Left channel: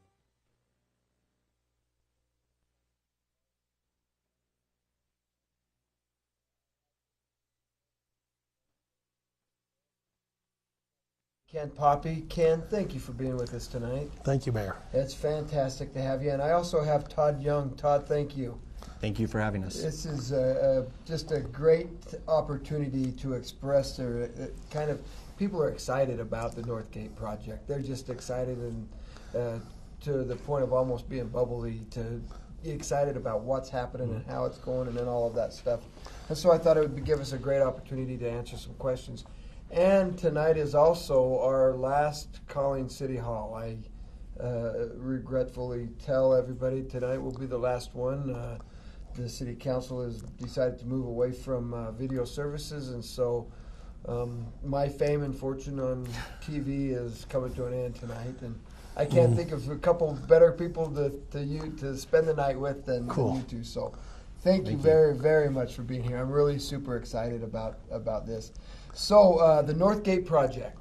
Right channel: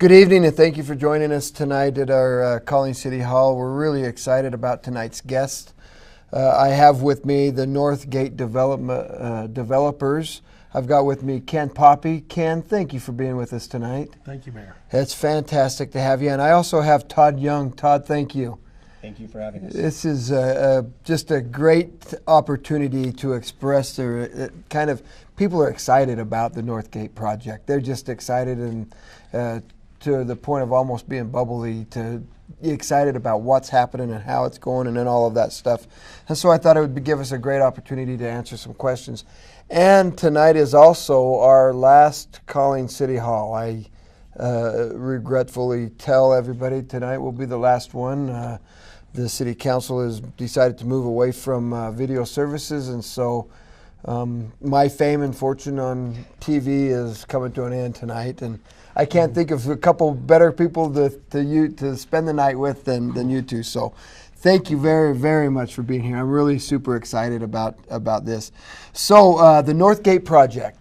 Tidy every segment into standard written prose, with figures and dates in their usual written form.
Good evening, and thank you for joining us tonight at our Colleen City Hall. We're really excited about tonight's guest. I have with me the Northgate developers. I've got with me Ken Poppy. Ken, thank you for being with us tonight. Thank you, Mayor. It's fantastic to have you. And I also have Todd Young. Todd, thank you. Thank you for having us. This is just a great opportunity to express their kind of, people are excited about the Northgate project. They're just excited and to the point of almost being bubbly, to excited about what's happening and how it's going and then all of that stuff. And so I thought it would give us a great opportunity to answer some questions. And tonight is also our last Colleen City Hall. I regretfully tell everybody tonight will be the last one. The City Council has decided to move away from video services, and so my fame and fortune on TV is coming to an end tonight. And I can't think of a couple better people to spend the night with than you two. So thank you very, very much for being here. I'm really super excited about this. So the Northgate project,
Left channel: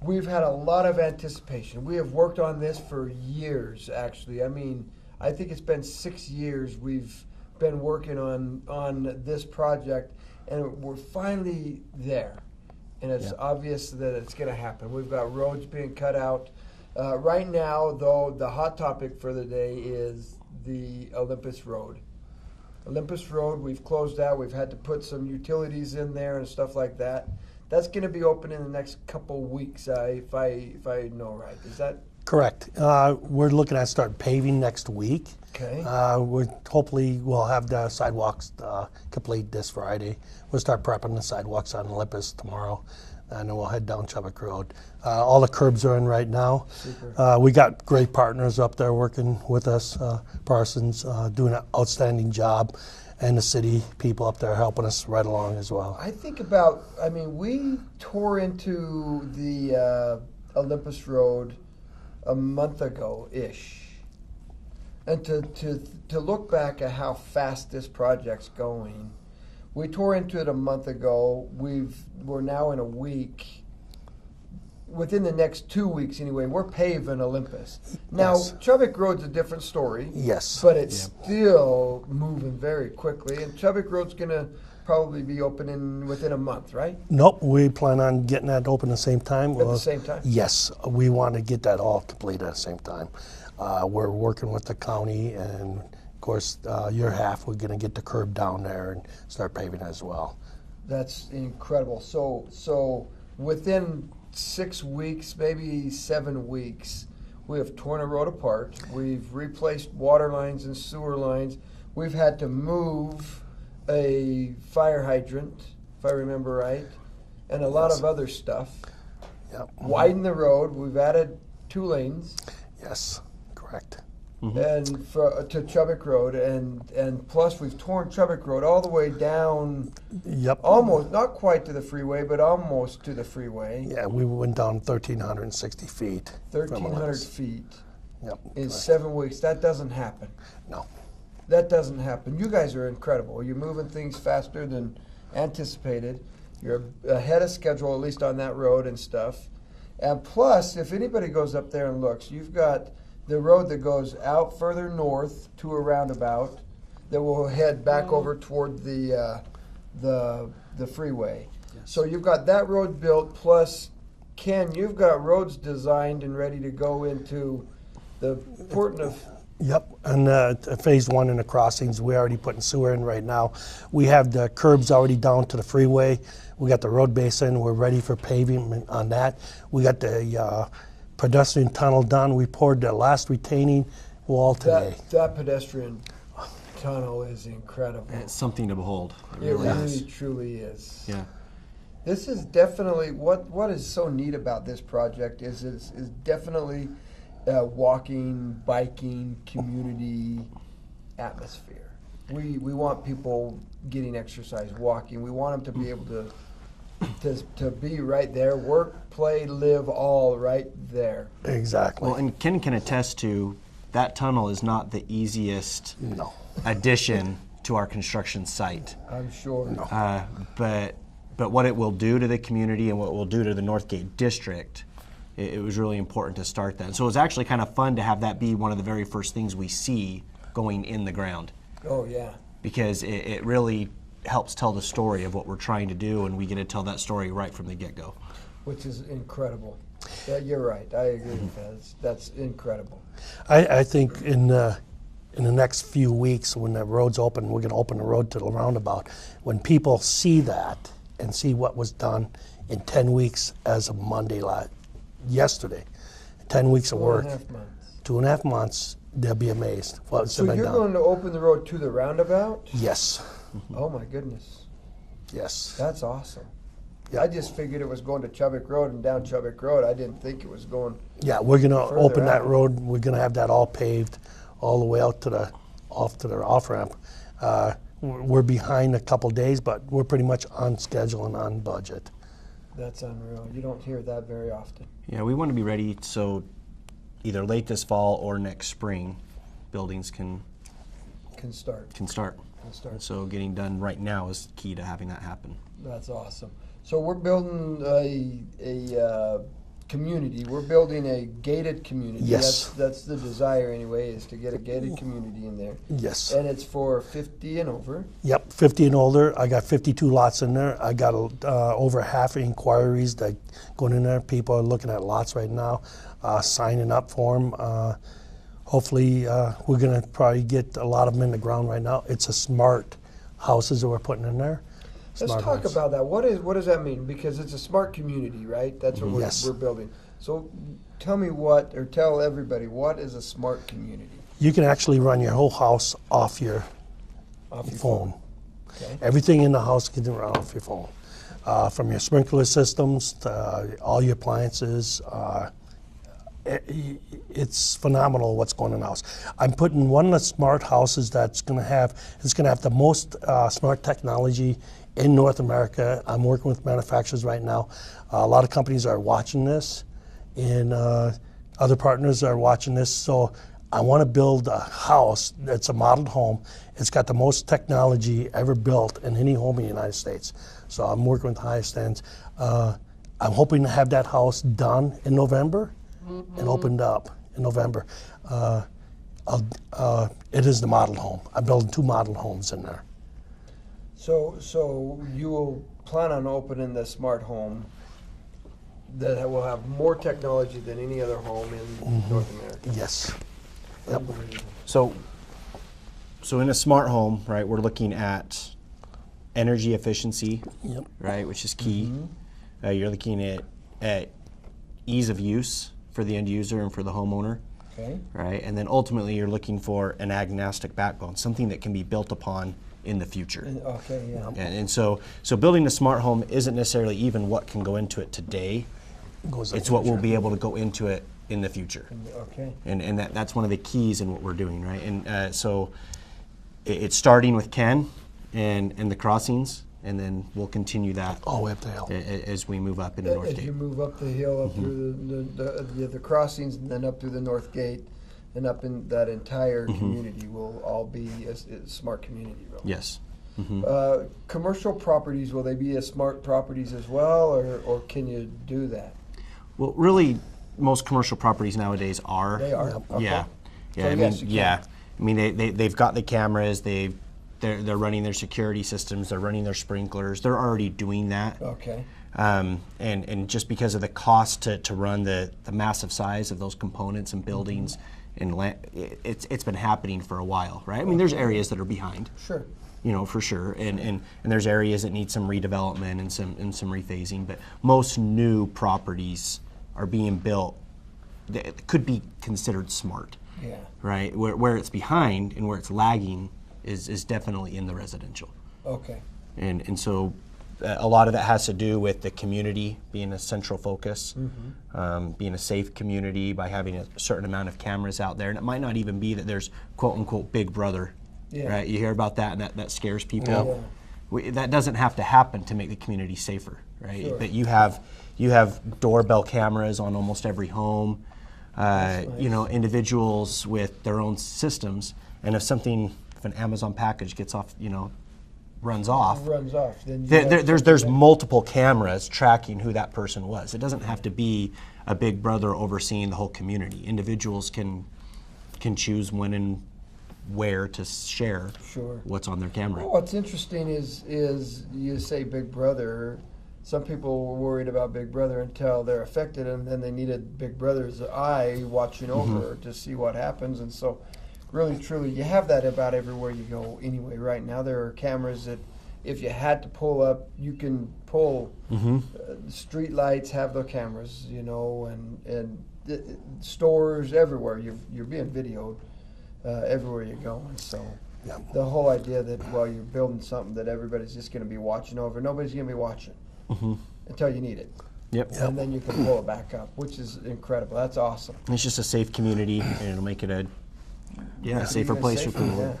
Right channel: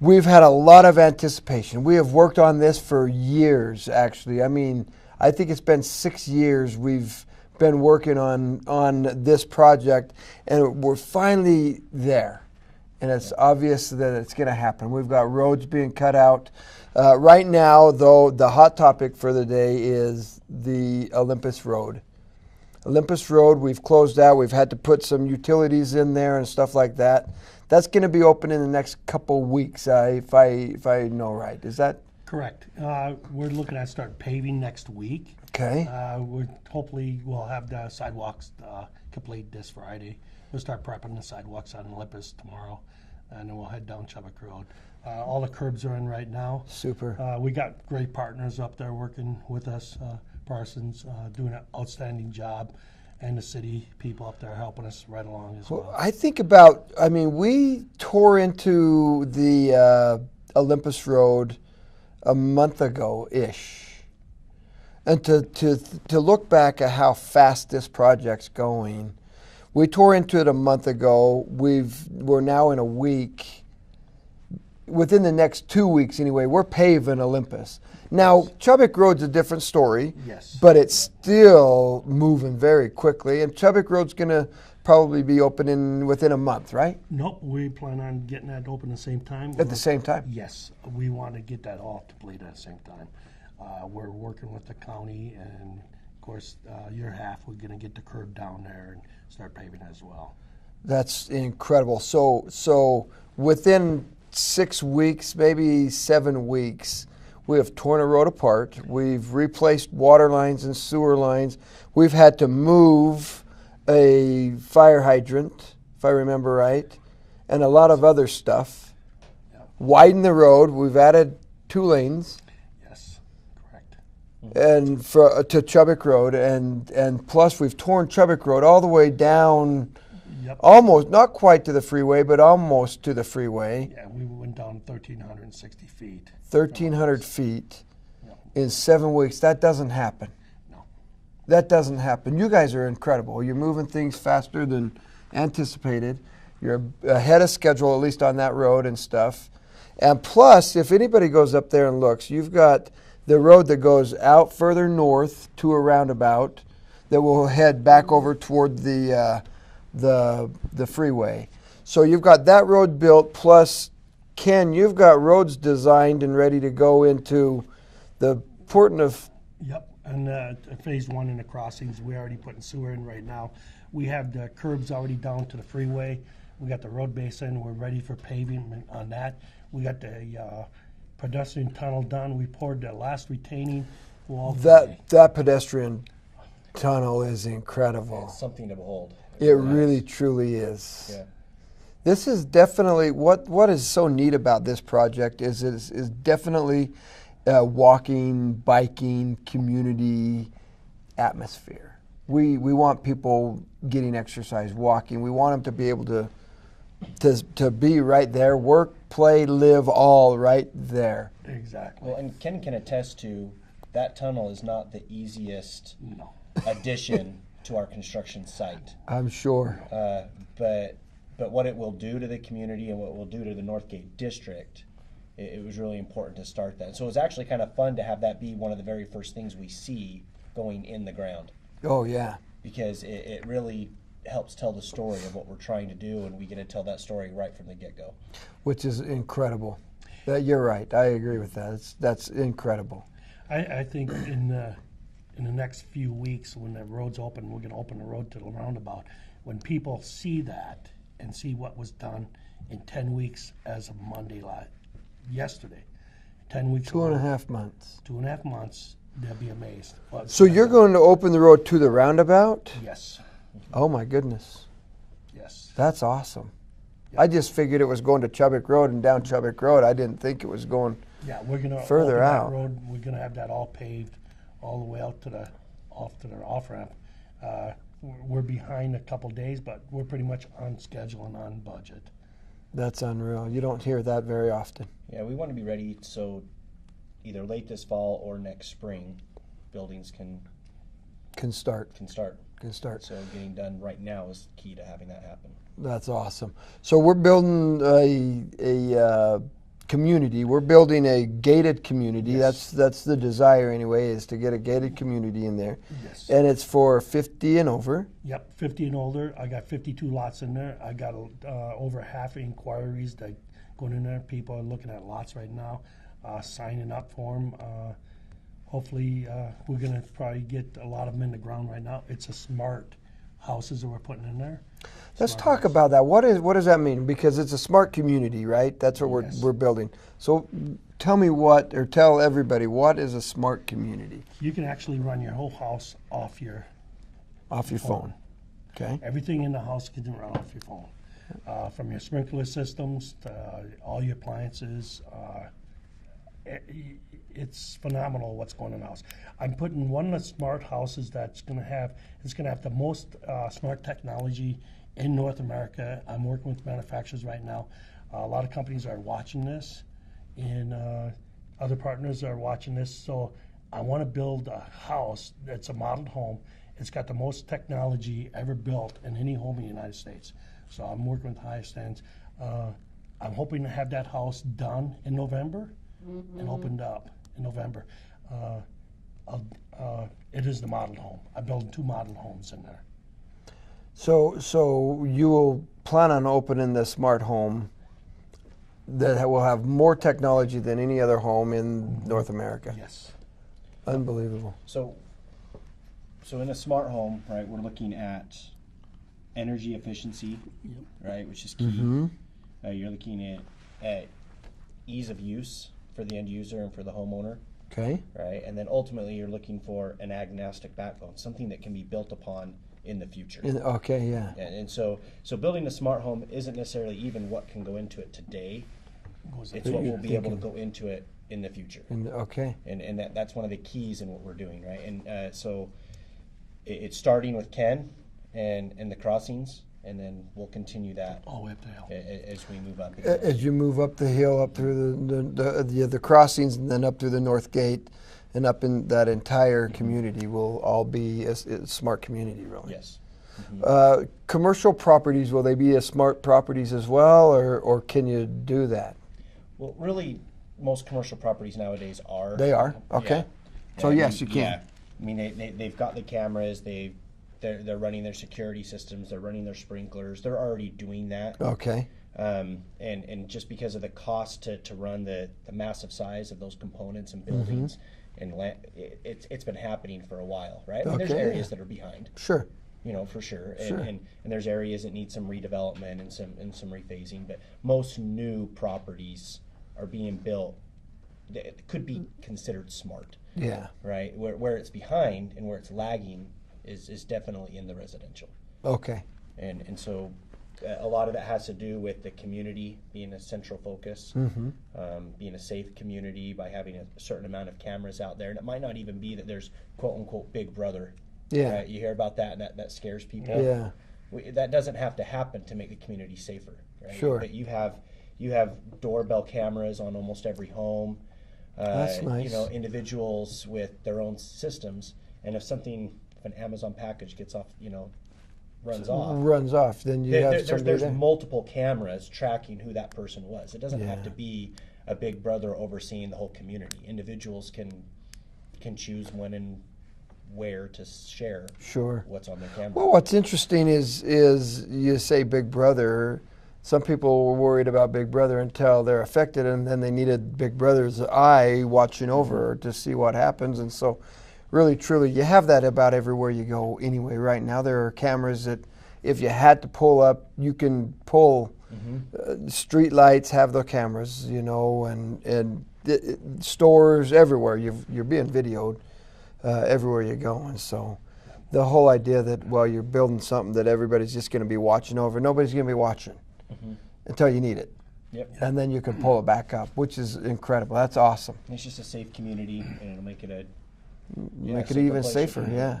we've had a lot of anticipation. We have worked on this for years, actually. I mean, I think it's been 6 years we've been working on this project, and we're finally there. And it's obvious that it's going to happen. We've got roads being cut out. Right now, though, the hot topic for the day is the Olympus Road. Olympus Road, we've closed out. We've had to put some utilities in there and stuff like that. That's going to be open in the next couple weeks, if I know right. Is that correct? We're looking at start paving next week. okay? Hopefully we'll have the sidewalks complete this Friday. We'll start prepping the sidewalks on Olympus tomorrow, and then we'll head down Chubbuck Road. All the curbs are in right now. Super. We got great partners up there working with us. Parsons doing an outstanding job, and the city people up there helping us right along as well. I think about, I mean, we tore into the Olympus Road a month ago-ish. And to look back at how fast this project's going, we tore into it a month ago. We're now in a week. Within the next 2 weeks, anyway, we're paving Olympus. Now, Yes. Chubbuck Road's a different story. Yes. But it's still moving very quickly. And Chubbuck Road's going to probably be opening within a month, right? Nope, we plan on getting that open at the same time. At the same time? Yes, we want to get that all complete at the same time. We're working with the county, and of course, your half, we're going to get the curb down there and start paving as well. That's incredible. So within 6 weeks, maybe 7 weeks, we have torn a road apart. We've replaced water lines and sewer lines. We've had to move a fire hydrant, if I remember right, and a lot of other stuff. Yep. Widen the road. We've added 2 lanes. Yes, correct. And to Chubbuck Road, and plus we've torn Chubbuck Road all the way down, Yep. almost, not quite to the freeway, but almost to the freeway, Yeah, we went down 1,360 feet. 1,300 feet Yep. in 7 weeks. That doesn't happen. No. That doesn't happen. You guys are incredible. You're moving things faster than anticipated. You're ahead of schedule, at least on that road and stuff. And plus, if anybody goes up there and looks, you've got the road that goes out further north to a roundabout that will head back over toward the freeway. So you've got that road built, plus, Ken, you've got roads designed and ready to go into the Port of. Yep, and phase 1 in the crossings, we're already putting sewer in right now. We have the curbs already down to the freeway. We got the road basin. We're ready for paving on that. We got the pedestrian tunnel done. We poured the last retaining wall today. That pedestrian tunnel is incredible. It's something to behold. It really, truly is. Yeah. This is definitely what is so neat about this project is definitely walking, biking, community atmosphere. We want people getting exercise, walking. We want them to be able to be right there, work, play, live, all right there. Exactly. Well, and Ken can attest to that tunnel is not the easiest No. addition to our construction site. I'm sure. But what it will do to the community and what it will do to the Northgate district it was really important to start that. So it was actually kind of fun to have that be one of the very first things we see going in the ground, Oh, yeah. because it really helps tell the story of what we're trying to do, and we get to tell that story right from the get-go. Which is incredible. You're right. I agree with that. That's incredible. I think in the next few weeks, when the road's open, we're going to open the road to the roundabout. When people see that and see what was done in 10 weeks as of Monday, yesterday, 10 weeks of work, 2.5 months. 2.5 months, they'll be amazed. So you're going to open the road to the roundabout? Yes, Oh my goodness. yes. That's awesome. Yeah. I just figured it was going to Chubbuck Road and down Chubbuck Road. I didn't think it was going. Yeah, we're going to Further open that out. road. We're going to have that all paved all the way out to the off ramp. We're behind a couple days, but we're pretty much on schedule and on budget. That's unreal. You don't hear that very often. Yeah, we want to be ready so either late this fall or next spring, buildings can Can start. start. Can start. So getting done right now is key to having that happen. That's awesome. So we're building a community. We're building a gated community. Yes. That's the desire anyway, is to get a gated community in there. Yes. And it's for 50 and over. Yep, 50 and older. I got 52 lots in there. I got over half inquiries that going in there. People are looking at lots right now, signing up for them. Hopefully, we're going to probably get a lot of them in the ground right now. It's a smart houses that we're putting in there. Let's Smart talk homes. about that. What does that mean? Because it's a smart community, right? That's what Yes. we're building. So tell everybody, what is a smart community? You can actually run your whole house off your Off your phone. phone. Okay. Everything in the house can run off your phone, from your sprinkler systems to all your appliances. It's phenomenal what's going on in the house. I'm putting one of the smart houses that's going to have the most smart technology in North America. I'm working with manufacturers right now. A lot of companies are watching this, and other partners are watching this. So I want to build a house that's a modeled home. It's got the most technology ever built in any home in the United States. So I'm working with the highest standards. I'm hoping to have that house done in November and opened up in November. It is the model home. I'm building 2 model homes in there. So you will plan on opening the smart home that will have more technology than any other home in North America. Yes. Unbelievable. So in a smart home, right, we're looking at energy efficiency, Yep. right, which is key. You're looking at ease of use for the end user and for the homeowner, Okay. right? And then ultimately you're looking for an agnostic backbone, something that can be built upon in the future. Okay, yeah. And so building a smart home isn't necessarily even what can go into it today. Goes It's what will be able to go into it in the future. Okay. And that's one of the keys in what we're doing, right? And so it's starting with Ken and the crossings, and then we'll continue that all the way up the hill. as we move up into North As Gate. you move up the hill, up through the crossings, and then up through the North Gate, and up in that entire community will all be a smart community, really. Yes. Commercial properties, will they be as smart properties as well, or can you do that? Well, really, most commercial properties nowadays are. They are? Okay. Yeah. So I yes, mean, you can. Yeah. I mean, they've got the cameras. They're running their security systems. They're running their sprinklers. They're already doing that. Okay. And just because of the cost to run the massive size of those components and buildings, and it's been happening for a while, right? I mean, there's Okay. areas that are behind, Sure. you know, for sure, and there's areas that need some redevelopment and some rephasing. But most new properties are being built that could be considered smart, Yeah. right? Where it's behind and where it's lagging is definitely in the residential. Okay. And so a lot of that has to do with the community being a central focus, being a safe community by having a certain amount of cameras out there. And it might not even be that there's quote unquote Big Brother, Yeah. right? You hear about that and that scares people. Yeah. That doesn't have to happen to make the community safer, right? Sure. That you have doorbell cameras on almost every home, That's you know, nice. individuals with their own systems. And if an Amazon package gets off, you know, runs off, Runs off, then you there's have something there's there. multiple cameras tracking who that person was. It doesn't have to be a big brother overseeing the whole community. Individuals can choose when and where to share Sure. what's on their camera. Well, what's interesting is you say Big Brother. Some people were worried about Big Brother until they're affected, and then they needed Big Brother's eye watching over to see what happens. And so, really, truly, you have that about everywhere you go anyway. Right now, there are cameras that, if you had to pull up, you can pull. Street lights have the cameras, you know, and stores everywhere. You're being videoed everywhere you go, and so. The whole idea that, well, you're building something that everybody's just going to be watching over, nobody's going to be watching until you need it. Yep. And then you can pull it back up, which is incredible. That's awesome. It's just a safe community, and it'll make it a Make it safer even place safer, for people. yeah.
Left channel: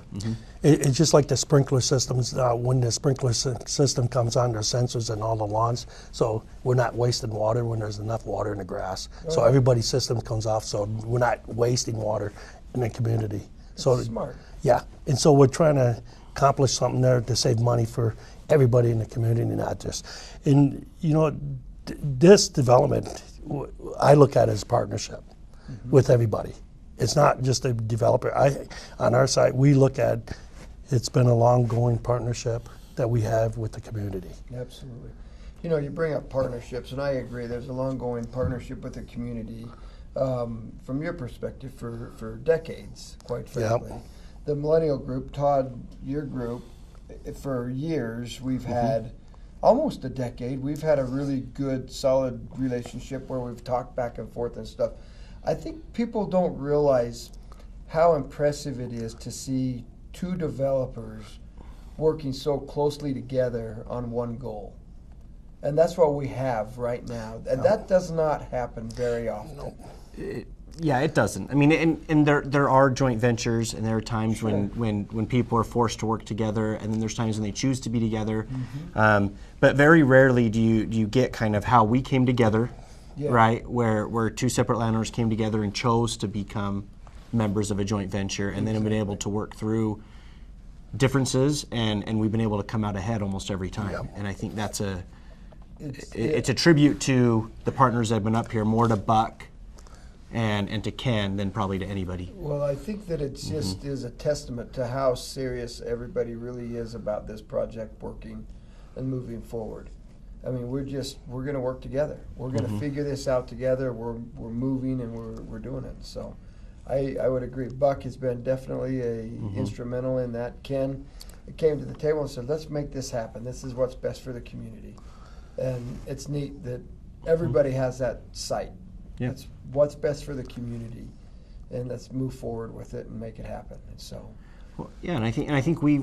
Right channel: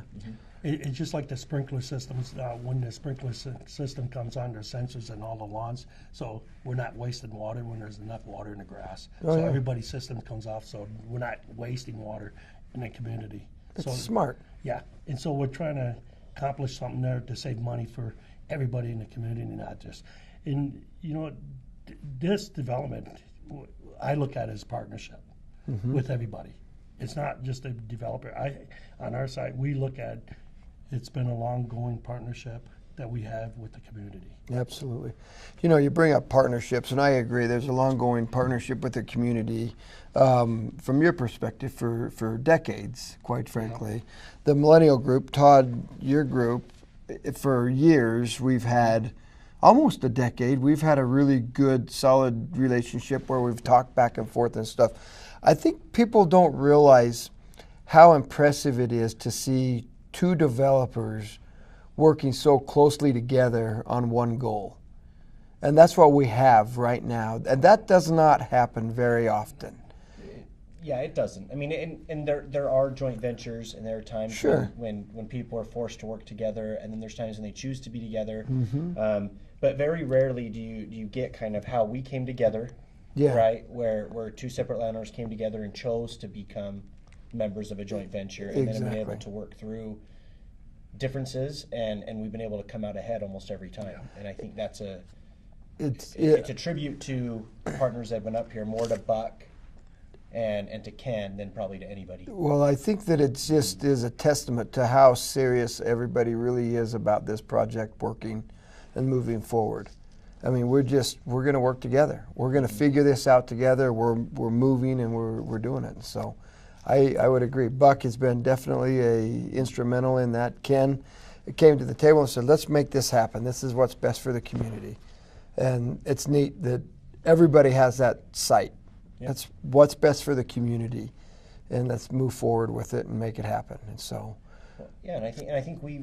It's just like the sprinkler systems. When the sprinkler system comes on, there's sensors in all the lawns, so we're not wasting water when there's enough water in the grass. So yeah. everybody's system comes off, so we're not wasting water in the community. So Smart. yeah, and so we're trying to accomplish something there to save money for everybody in the community, not just. And you know, this development, I look at it as a partnership with everybody. It's not just a developer. On our side, we look at it's been a long-going partnership that we have with the community. Absolutely. You know, you bring up partnerships, and I agree. There's a long-going partnership with the community from your perspective for decades, quite frankly. The Millennial Group, Todd, your group, for years, we've had almost a decade. We've had a really good, solid relationship where we've talked back and forth and stuff. I think people don't realize how impressive it is to see two developers working so closely together on one goal. And that's what we have right now. And that does not happen very often. Yeah, it doesn't. I mean, and there are joint ventures, and there are times Sure. when people are forced to work together, and then there's times when they choose to be together. But very rarely do you get kind of how we came together, Yeah. right? Where two separate landowners came together and chose to become members of a joint venture, and then have been able to work through differences, and we've been able to come out ahead almost every time. And I think that's it's a tribute to the partners that have been up here, more to Buck and to Ken than probably to anybody. Well, I think that it just is a testament to how serious everybody really is about this project working and moving forward. I mean, we're going to work together. We're going to figure this out together. We're moving and we're doing it. So I would agree. Buck has been definitely instrumental in that. Ken came to the table and said, let's make this happen. This is what's best for the community. And it's neat that everybody has that sight. Yeah. That's what's best for the community, and let's move forward with it and make it happen. And so, Well, yeah, and I think we,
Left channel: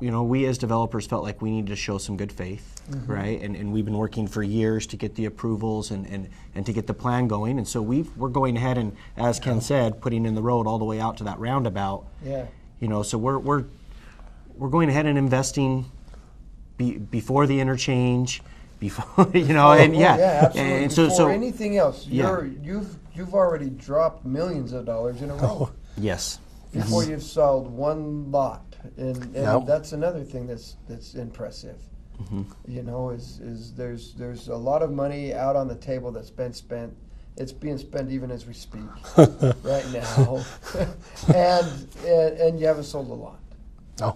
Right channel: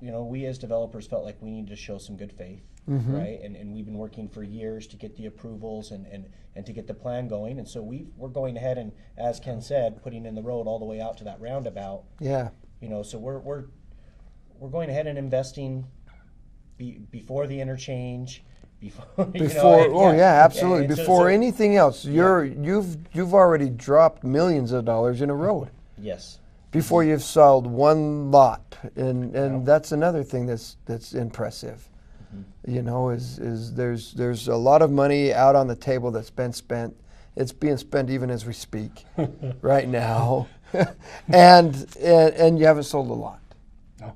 we as developers felt like we needed to show some good faith, right? And we've been working for years to get the approvals and to get the plan going. And so we're going ahead and, as Ken said, putting in the road all the way out to that roundabout. yeah, So we're going ahead and investing before the interchange. Before, absolutely. And Before anything else, you've already dropped millions of dollars in a row yes. before you've sold one lot, and that's another thing that's impressive. Is there's a lot of money out on the table that's been spent. It's being spent even as we speak right now, and you haven't sold a lot. Oh.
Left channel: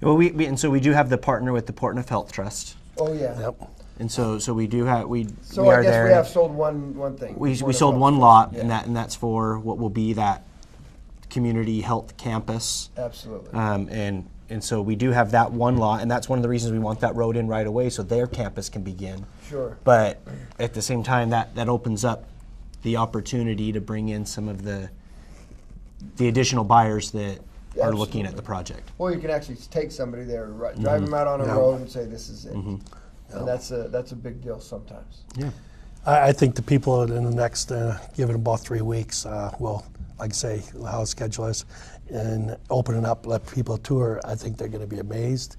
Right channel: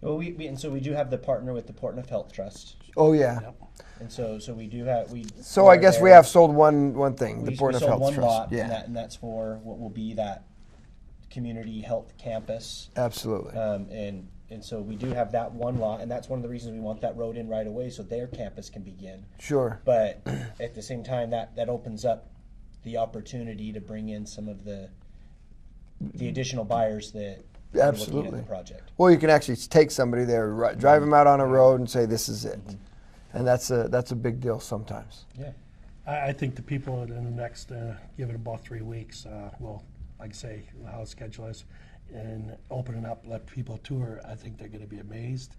Well, we do have the partner with the Portneuf Health Trust. Oh yeah. Yep. And so we do have So I guess we have sold one thing. we the Board of sold Health one Trust. lot, Yeah. and that's for what will be that community health campus. Absolutely. And so we do have that one lot, and that's one of the reasons we want that road in right away so their campus can begin. Sure. But at the same time, that opens up the opportunity to bring in some of the additional buyers that are looking at Absolutely. the project. Well, you can actually take somebody there, drive them out on a road, and say, "This is it," and that's a big deal sometimes. Yeah. I think the people in the next, given about 3 weeks, will, like I say, how the schedule is, and open it up, let people tour. I think they're going to be amazed.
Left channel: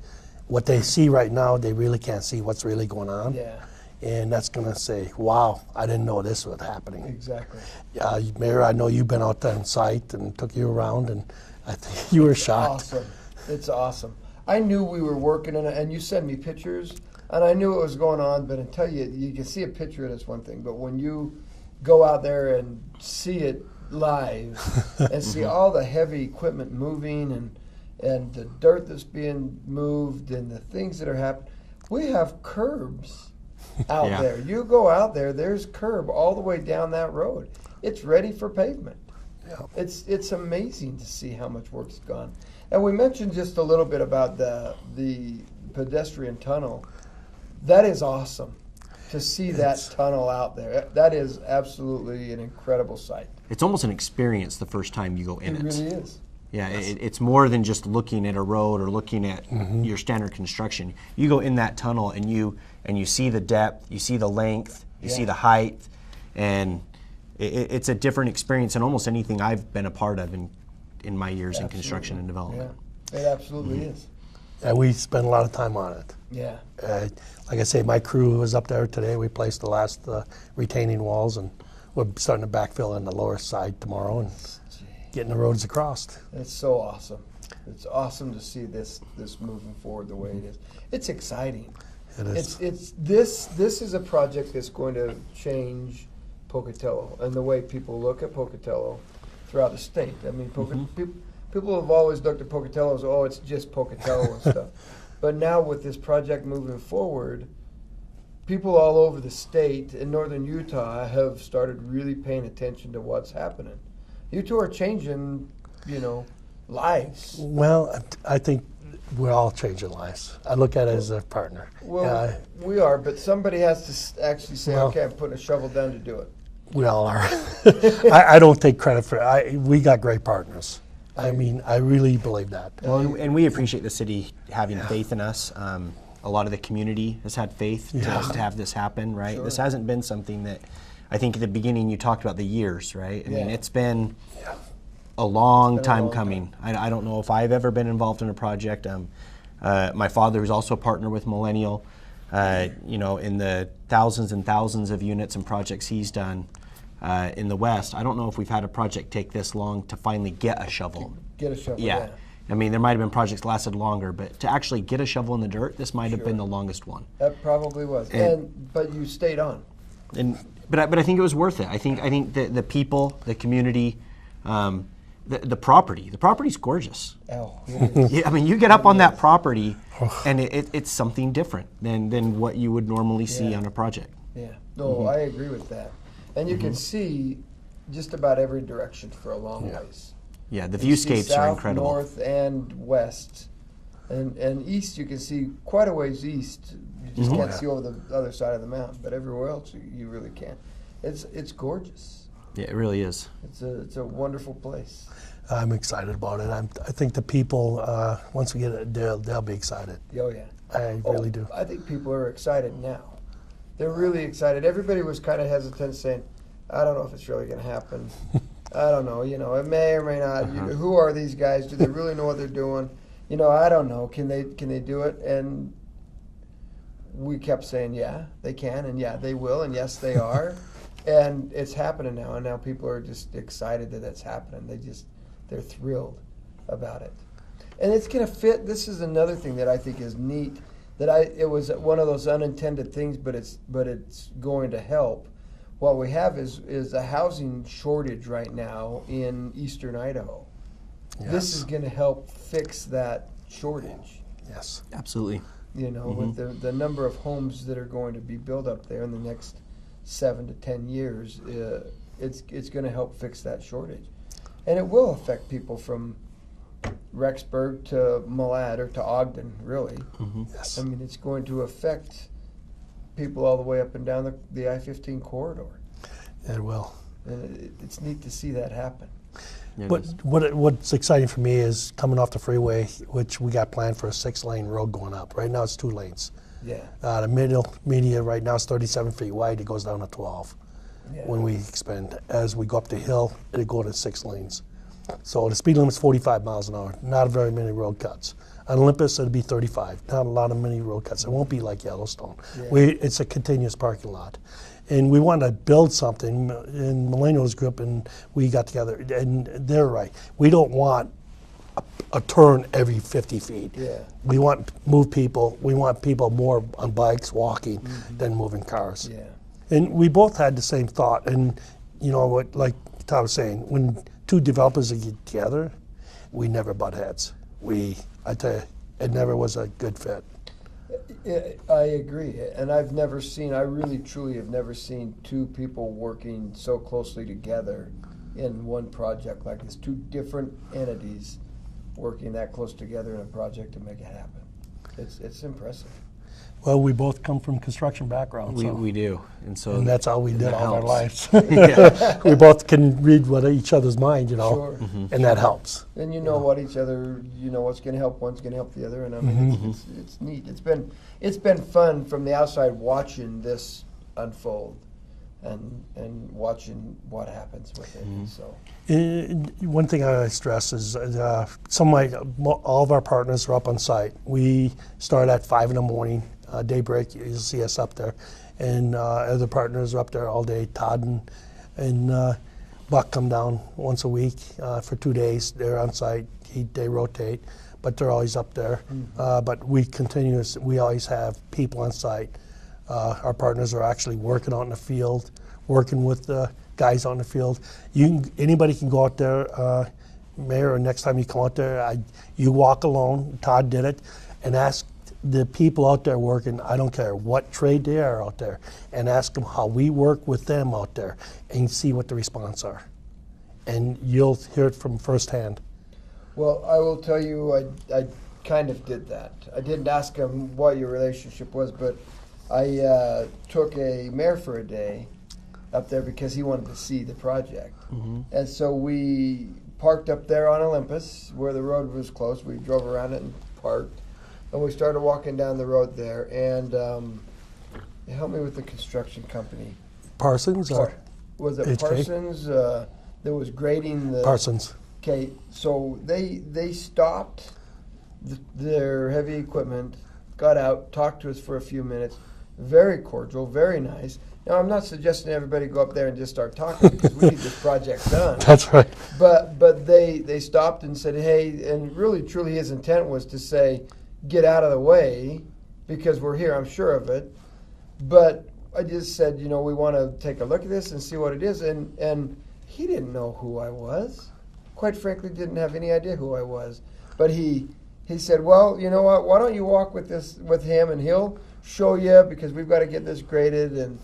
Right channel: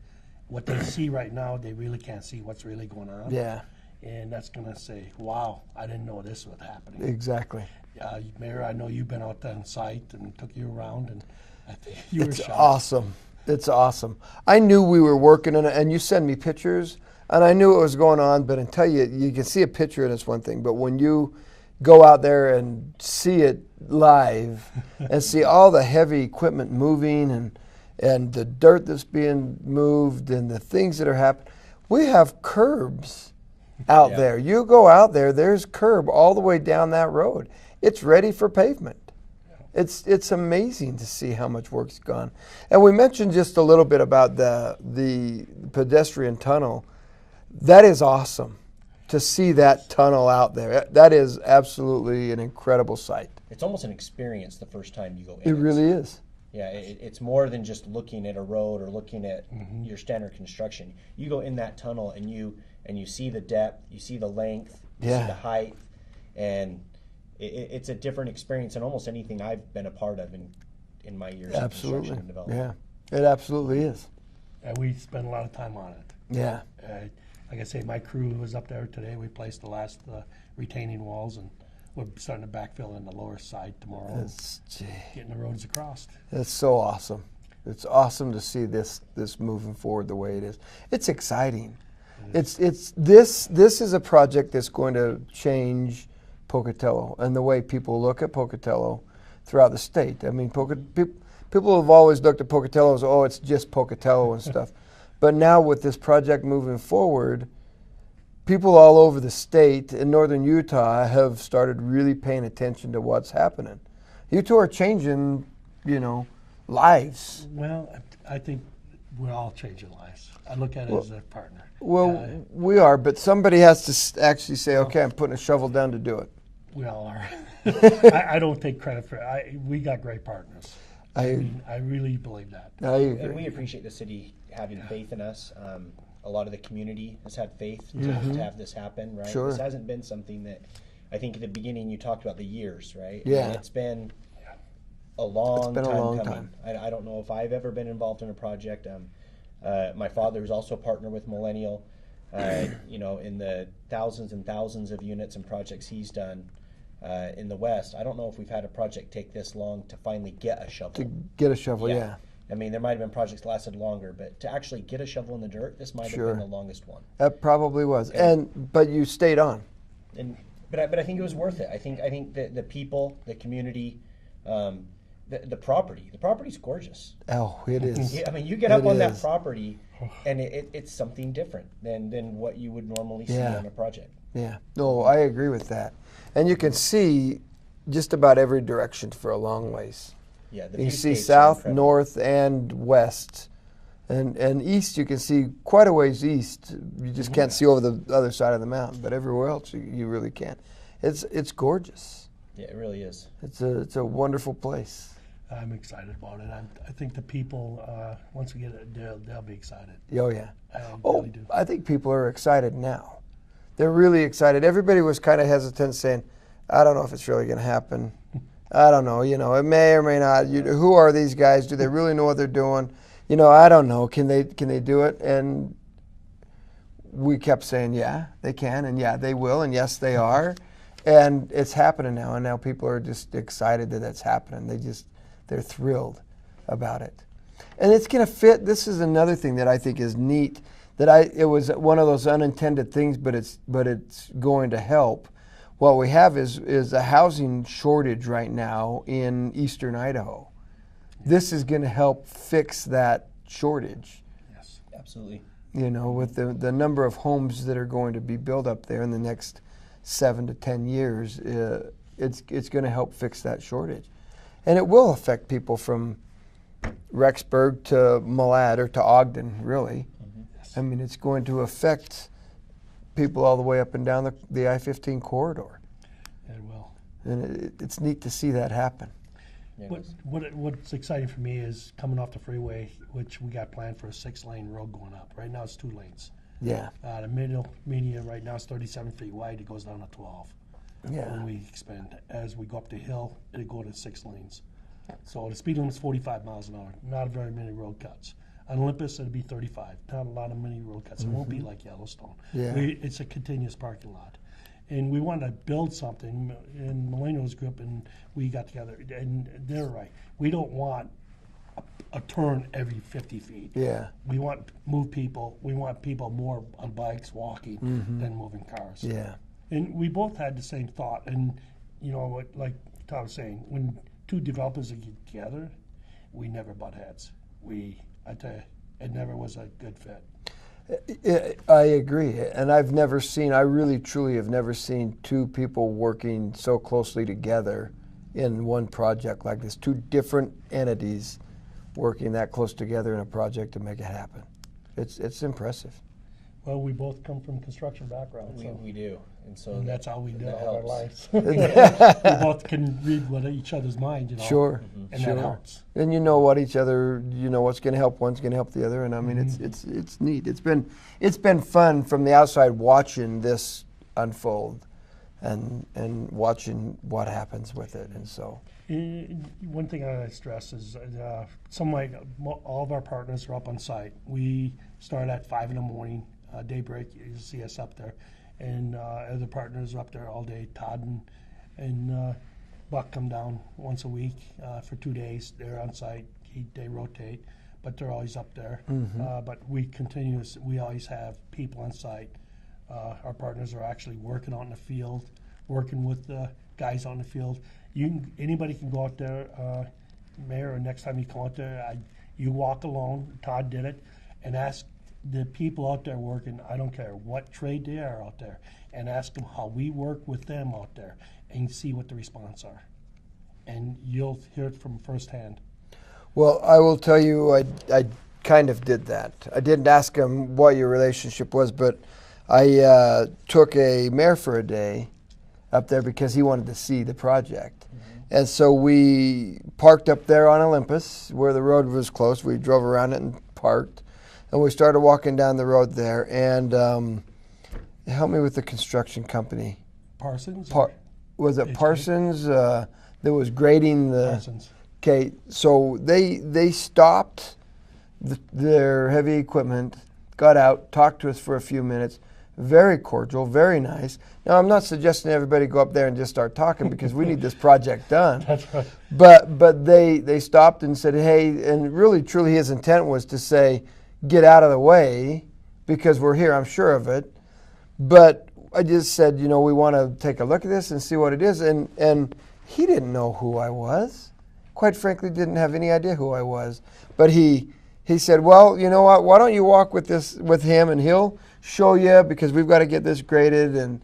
What they see right now, they really can't see what's really going on. Yeah. And that's going to say, wow, I didn't know this was happening. Exactly. Mayor, I know you've been out there on site and took you around, and I think you were shocked. Awesome. It's awesome. I knew we were working on it, and you send me pictures, and I knew what was going on. But until you can see a picture, and it's one thing. But when you go out there and see it live and see all the heavy equipment moving and the dirt that's being moved and the things that are happening. We have curbs out Yeah. there. You go out there, there's curb all the way down that road. It's ready for pavement. It's amazing to see how much work's gone. And we mentioned just a little bit about the pedestrian tunnel. That is awesome to see that tunnel out there. That is absolutely an incredible sight. It's almost an experience the first time you go in It really is. Yeah, it's more than just looking at a road or looking at your standard construction. You go in that tunnel and you see the depth, you see the length, you see Yeah. the height, and it's a different experience than almost anything I've been a part of in my years in construction and development. Yeah, it absolutely is. And we spend a lot of time on it. Yeah. Like I say, my crew was up there today. We placed the last retaining walls, and we're starting to backfill on the lower side tomorrow and Gee, getting the roads across. it's so awesome. It's awesome to see this moving forward the way it is. It's exciting. It is. This is a project that's going to change Pocatello and the way people look at Pocatello throughout the state. I mean, people have always looked at Pocatello as, oh, it's just Pocatello and stuff. But now with this project moving forward, people all over the state in northern Utah have started really paying attention to what's happening. You two are changing, lives. Well, I think we're all changing lives. I look at it as a partner. Well, we are, but somebody has to actually say, okay, I'm putting a shovel down to do it. We all are. I don't take credit for it. We got great partners. I mean, I really believe that. Well, and we appreciate the city having faith in us. A lot of the community has had faith to have this happen, right? Sure. This hasn't been something that, I think at the beginning you talked about the years, right? I Yeah. mean, it's been a long been a time long coming. I don't know if I've ever been involved in a project. My father is also a partner with Millennial, in the thousands and thousands of units and projects he's done in the West. I don't know if we've had a project take this long to finally get a shovel. Get a shovel, yeah. I mean, there might have been projects that lasted longer, but to actually get a shovel in the dirt, this might have Sure. been the longest one. That probably was. But you stayed on. But I think it was worth it. I think the people, the community, the property. The property's gorgeous. Oh, it is. Yeah, I mean, you get up on that is. property, and it's something different than what you would normally see Yeah. on a project. Yeah. No, I agree with that. And you can see just about every direction for a long ways. Yeah, the You see viewscapes are south, incredible. north, and west. And east, you can see quite a ways east. You just can't see over the other side of the mountain, but everywhere else you really can. It's gorgeous. Yeah, it really is. It's a wonderful place. I'm excited about it. I think the people, once we get it, they'll be excited. Oh yeah. I really do. I think people are excited now. They're really excited. Everybody was kind of hesitant, saying, "I don't know if it's really going to happen. I don't know. It may or may not. Who are these guys? Do they really know what they're doing? I don't know. Can they do it?" And we kept saying, "Yeah, they can, and yeah, they will, and yes, they are." And it's happening now, and now people are just excited that it's happening. They're thrilled about it. And it's going to fit. This is another thing that I think is neat. It was one of those unintended things, but it's going to help. What we have is a housing shortage right now in eastern Idaho. Yes. This is going to help fix that shortage. Yes. Absolutely. With the number of homes that are going to be built up there in the next 7 to 10 years, it's going to help fix that shortage. And it will affect people from Rexburg to Malad or to Ogden, really. Yes. I mean, it's going to affect people all the way up and down the I-15 corridor. It will. And it's neat to see that happen. Yeah, it But is. what's exciting for me is coming off the freeway, which we got planned for a 6-lane road going up. Right now it's 2 lanes. Yeah. The median right now is 37 feet wide. It goes down to 12 Yeah. when we expand. As we go up the hill, it go to 6 lanes. So the speed limit's 45 miles an hour. Not very many road cuts. On Olympus, it'll be 35. Not a lot of many road cuts. It won't be like Yellowstone. Yeah. It's a continuous parking lot. And we wanted to build something in Millennials group, and we got together, and they're right. We don't want a turn every 50 feet. Yeah. We want move people. We want people more on bikes, walking, than moving cars. Yeah. And we both had the same thought. And you know what, like Todd was saying, when two developers get together, we never butt heads. I tell you, it never was a good fit. I agree, and I've never seen. I really, truly have never seen two people working so closely together in one project like this. Two different entities working that close together in a project to make it happen. It's impressive. Well, we both come from construction backgrounds. We do, and so And that's all we did that all our helps. lives. We both can read what each other's mind, you know. Sure. And that helps. And you know what each other, you know what's going to help. One's going to help the other, and I mean it's neat. It's been fun from the outside watching this unfold, and watching what happens with it. And so One thing I stress is all of our partners are up on site. We start at 5 in the morning, daybreak. You'll see us up there, and other partners are up there all day. Todd and Buck come down once a week for 2 days. They're on site. They rotate, but they're always up there. But we always have people on site. Our partners are actually working out in the field, working with the guys out in the field. Anybody can go out there, Mayor, or next time you come out there, you walk alone, Todd did it, and ask the people out there working, I don't care what trade they are out there, and ask them how we work with them out there and see what the response are. And you'll hear it from firsthand. Well, I will tell you, I kind of did that. I didn't ask him what your relationship was, but I took a mayor for a day up there because he wanted to see the project. And so we parked up there on Olympus where the road was close. We drove around it and parked. And we started walking down the road there. And help me with the construction company. Parsons? Was it HK? Parsons that was grading the... Parsons. Okay, so they stopped their heavy equipment, got out, talked to us for a few minutes. Very cordial, very nice. Now, I'm not suggesting everybody go up there and just start talking because we need this project done. That's right. But they stopped and said, hey, and really, truly his intent was to say, get out of the way because we're here, I'm sure of it. But I just said, you know, we want to take a look at this and see what it is. And he didn't know who I was. Quite frankly, didn't have any idea who I was. But he said, well, you know what, why don't you walk with him and he'll show you because we've got to get this graded. And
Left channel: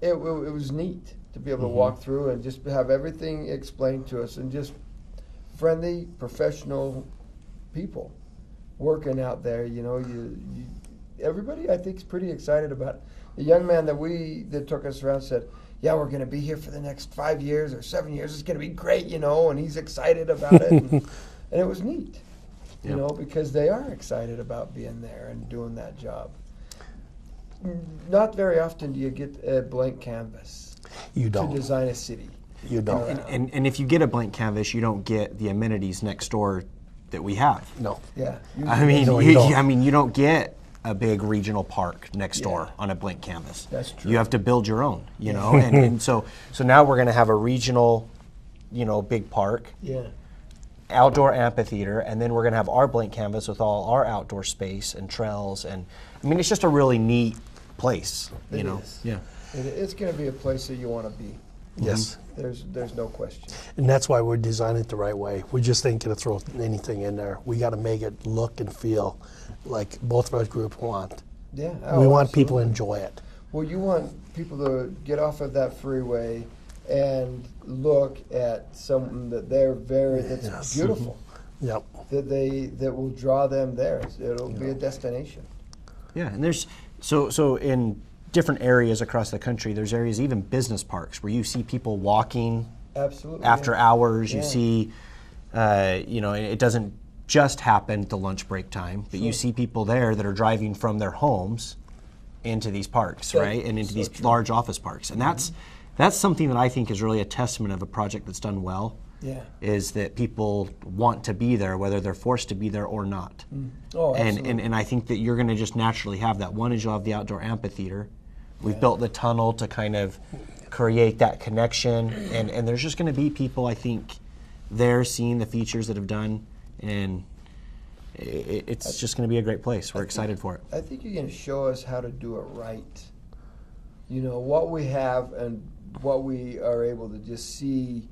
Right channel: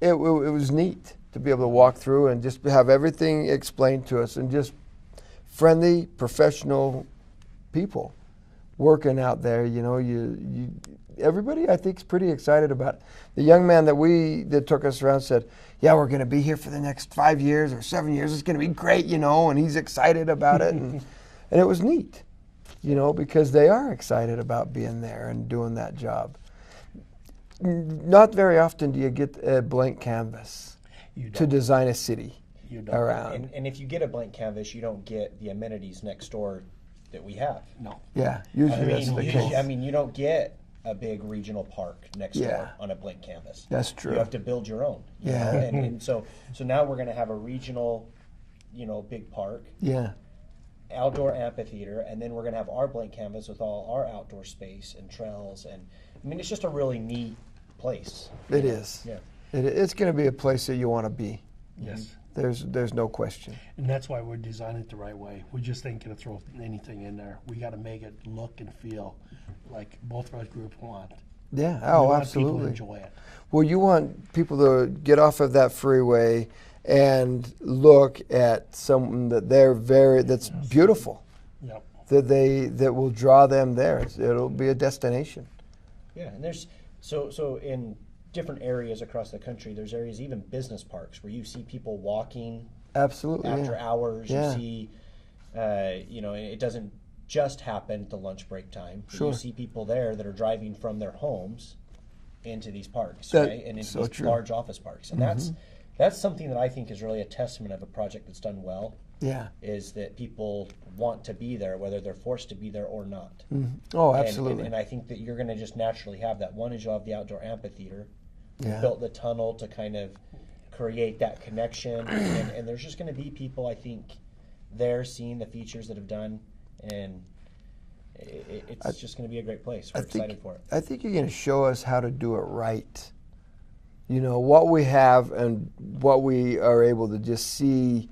it was neat to be able to walk through and just have everything explained to us and just friendly, professional people working out there. You know, everybody I think is pretty excited about it. The young man that took us around said, yeah, we're going to be here for the next 5 years or 7 years. It's going to be great, you know, and he's excited about it. And it was neat, you know, because they are excited about being there and doing that job. Not very often do you get a blank canvas to design a city. You don't. Around. And if you get a blank canvas, you don't get the amenities next door that we have. No. Yeah. I mean, No, you don't. I mean, you don't get a big regional park next Yeah. door on a blank canvas. That's true. You have to build your own, you know. And so now we're going to have a regional, you know, big park, Yeah. outdoor amphitheater, and then we're going to have our blank canvas with all our outdoor space and trails. And I mean, it's just a really neat place. It you know? is. Yeah. It's going to be a place that you want to be. Yes. There's no question. And that's why we're designing it the right way. We just ain't gonna throw anything in there. We gotta make it look and feel like both of our groups want. Yeah. We want people to absolutely. enjoy it. Well, you want people to get off of that freeway and look at something that's Yes. beautiful. Yep. That will draw them there. It'll be a destination. Yeah, and there's so in different areas across the country, there's areas, even business parks, where you see people walking Absolutely. after yeah. hours. Yeah. You see, you know, it doesn't just happen at the lunch break time, but you see people there that are driving from their homes into these parks, right, and into so these true. large office parks, and that's something that I think is really a testament of a project that's done well. Yeah. Is that people want to be there, whether they're forced to be there or not. Oh, And, absolutely. and I think that you're going to just naturally have that. One is you'll have the outdoor amphitheater. We've built the tunnel to kind of create that connection, and there's just going to be people, I think, there seeing the features that have done, and it's just going to be a great place. We're excited for it. I think you're going to show us how to do it right You know, what we have and what we are able to just see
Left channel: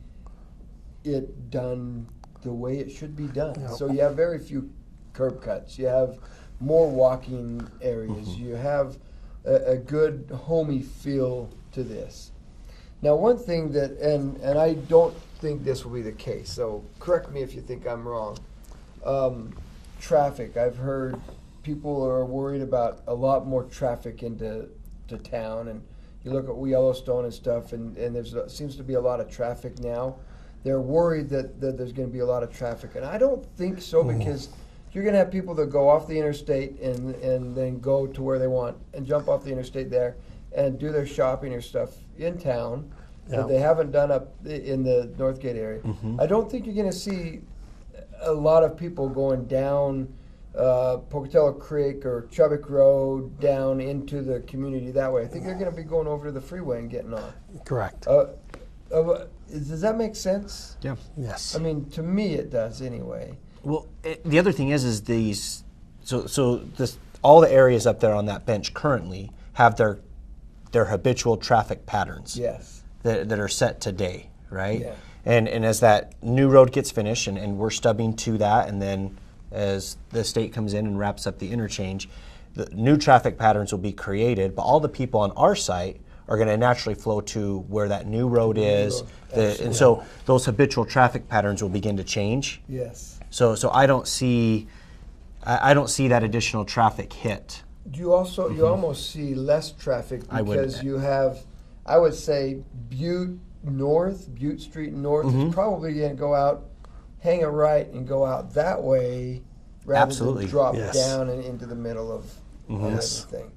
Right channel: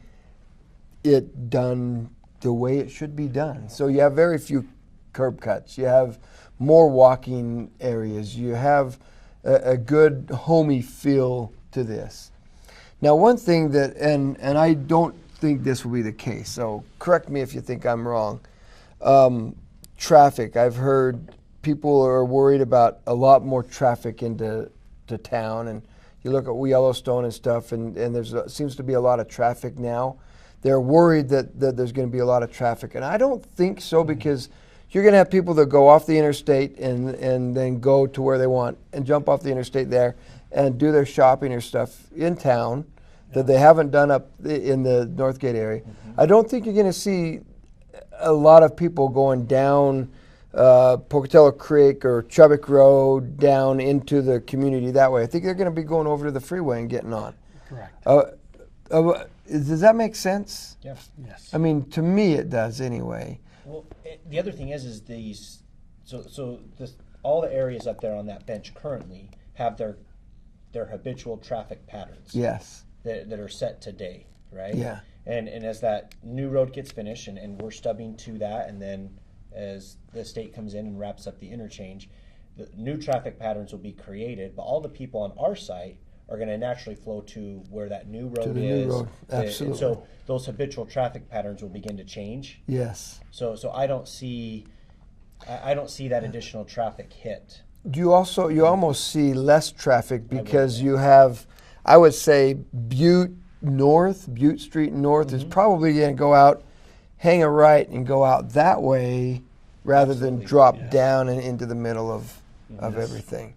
it done the way it should be done. So you have very few curb cuts. You have more walking areas. You have a good homey feel to this. Now, one thing that, and I don't think this will be the case, so correct me if you think I'm wrong. Traffic. I've heard people are worried about a lot more traffic into town, and you look at Yellowstone and stuff, and there's seems to be a lot of traffic now. They're worried that there's going to be a lot of traffic, and I don't think so, because you're going to have people that go off the interstate and then go to where they want and jump off the interstate there and do their shopping or stuff in town that they haven't done up in the Northgate area. I don't think you're going to see a lot of people going down Pocatello Creek or Chubbuck Road down into the community that way. I think they're going to be going over to the freeway and getting on. Correct. Does that make sense? Yes. I mean, to me it does anyway. Well, the other thing is these, all the areas up there on that bench currently have their habitual traffic patterns. Yes. That are set today, right? Yeah. And as that new road gets finished, and we're stubbing to that, and then as the state comes in and wraps up the interchange, the new traffic patterns will be created, but all the people on our site are going to naturally flow to where that new road is. And so those habitual traffic patterns will begin to change. Yes. So I don't see that additional traffic hit. Do you also you almost see less traffic because you have, I would say, Butte Street North is probably going to go out, hang a right, and go out that way rather than drop down and into the middle of everything.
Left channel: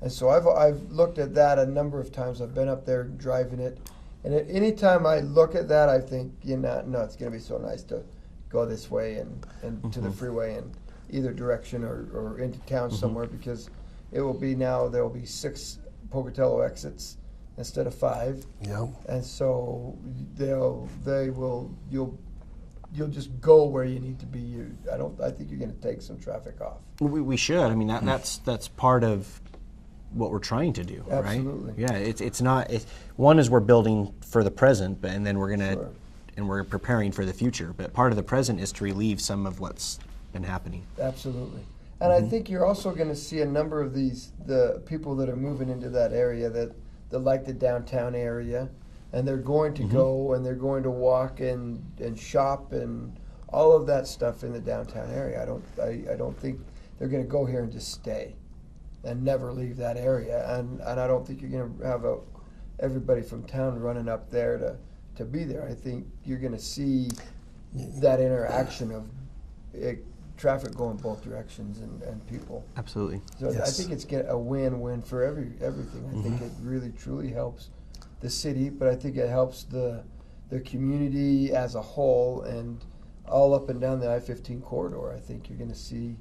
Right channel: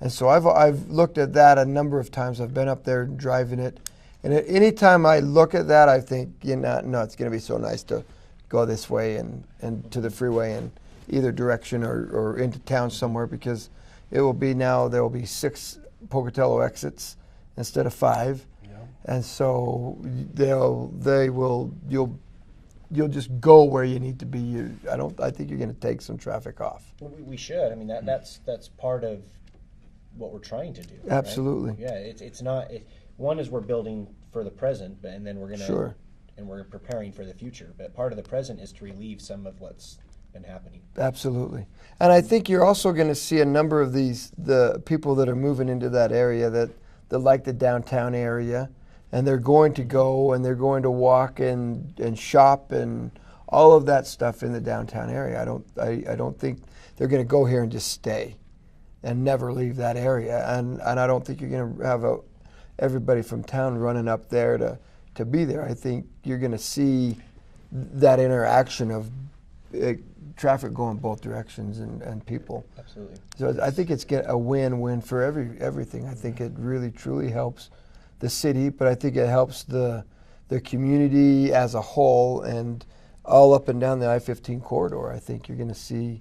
And so I've looked at that a number of times. I've been up there driving it, and anytime I look at that, I think, no, it's going to be so nice to go this way and to the freeway in either direction or into town somewhere, because it will be now there will be 6 Pocatello exits instead of 5. Yeah. And so you'll just go where you need to be. I think you're going to take some traffic off. We should. I mean, that's part of what we're trying to do. Absolutely. Right? Yeah. It's not. One is we're building for the present, and then we're gonna and we're preparing for the future. But part of the present is to relieve some of what's been happening. Absolutely. And I think you're also going to see a number of the people that are moving into that area that like the downtown area, and they're going to go and they're going to walk and shop and all of that stuff in the downtown area. I don't think they're going to go here and just stay and never leave that area. And I don't think you're going to have everybody from town running up there to be there. I think you're going to see that interaction of traffic going both directions and people. Absolutely. So I think it's a win-win for everything. I think it really truly helps the city, but I think it helps the community as a whole, and all up and down the I-15 corridor. I think you're going to see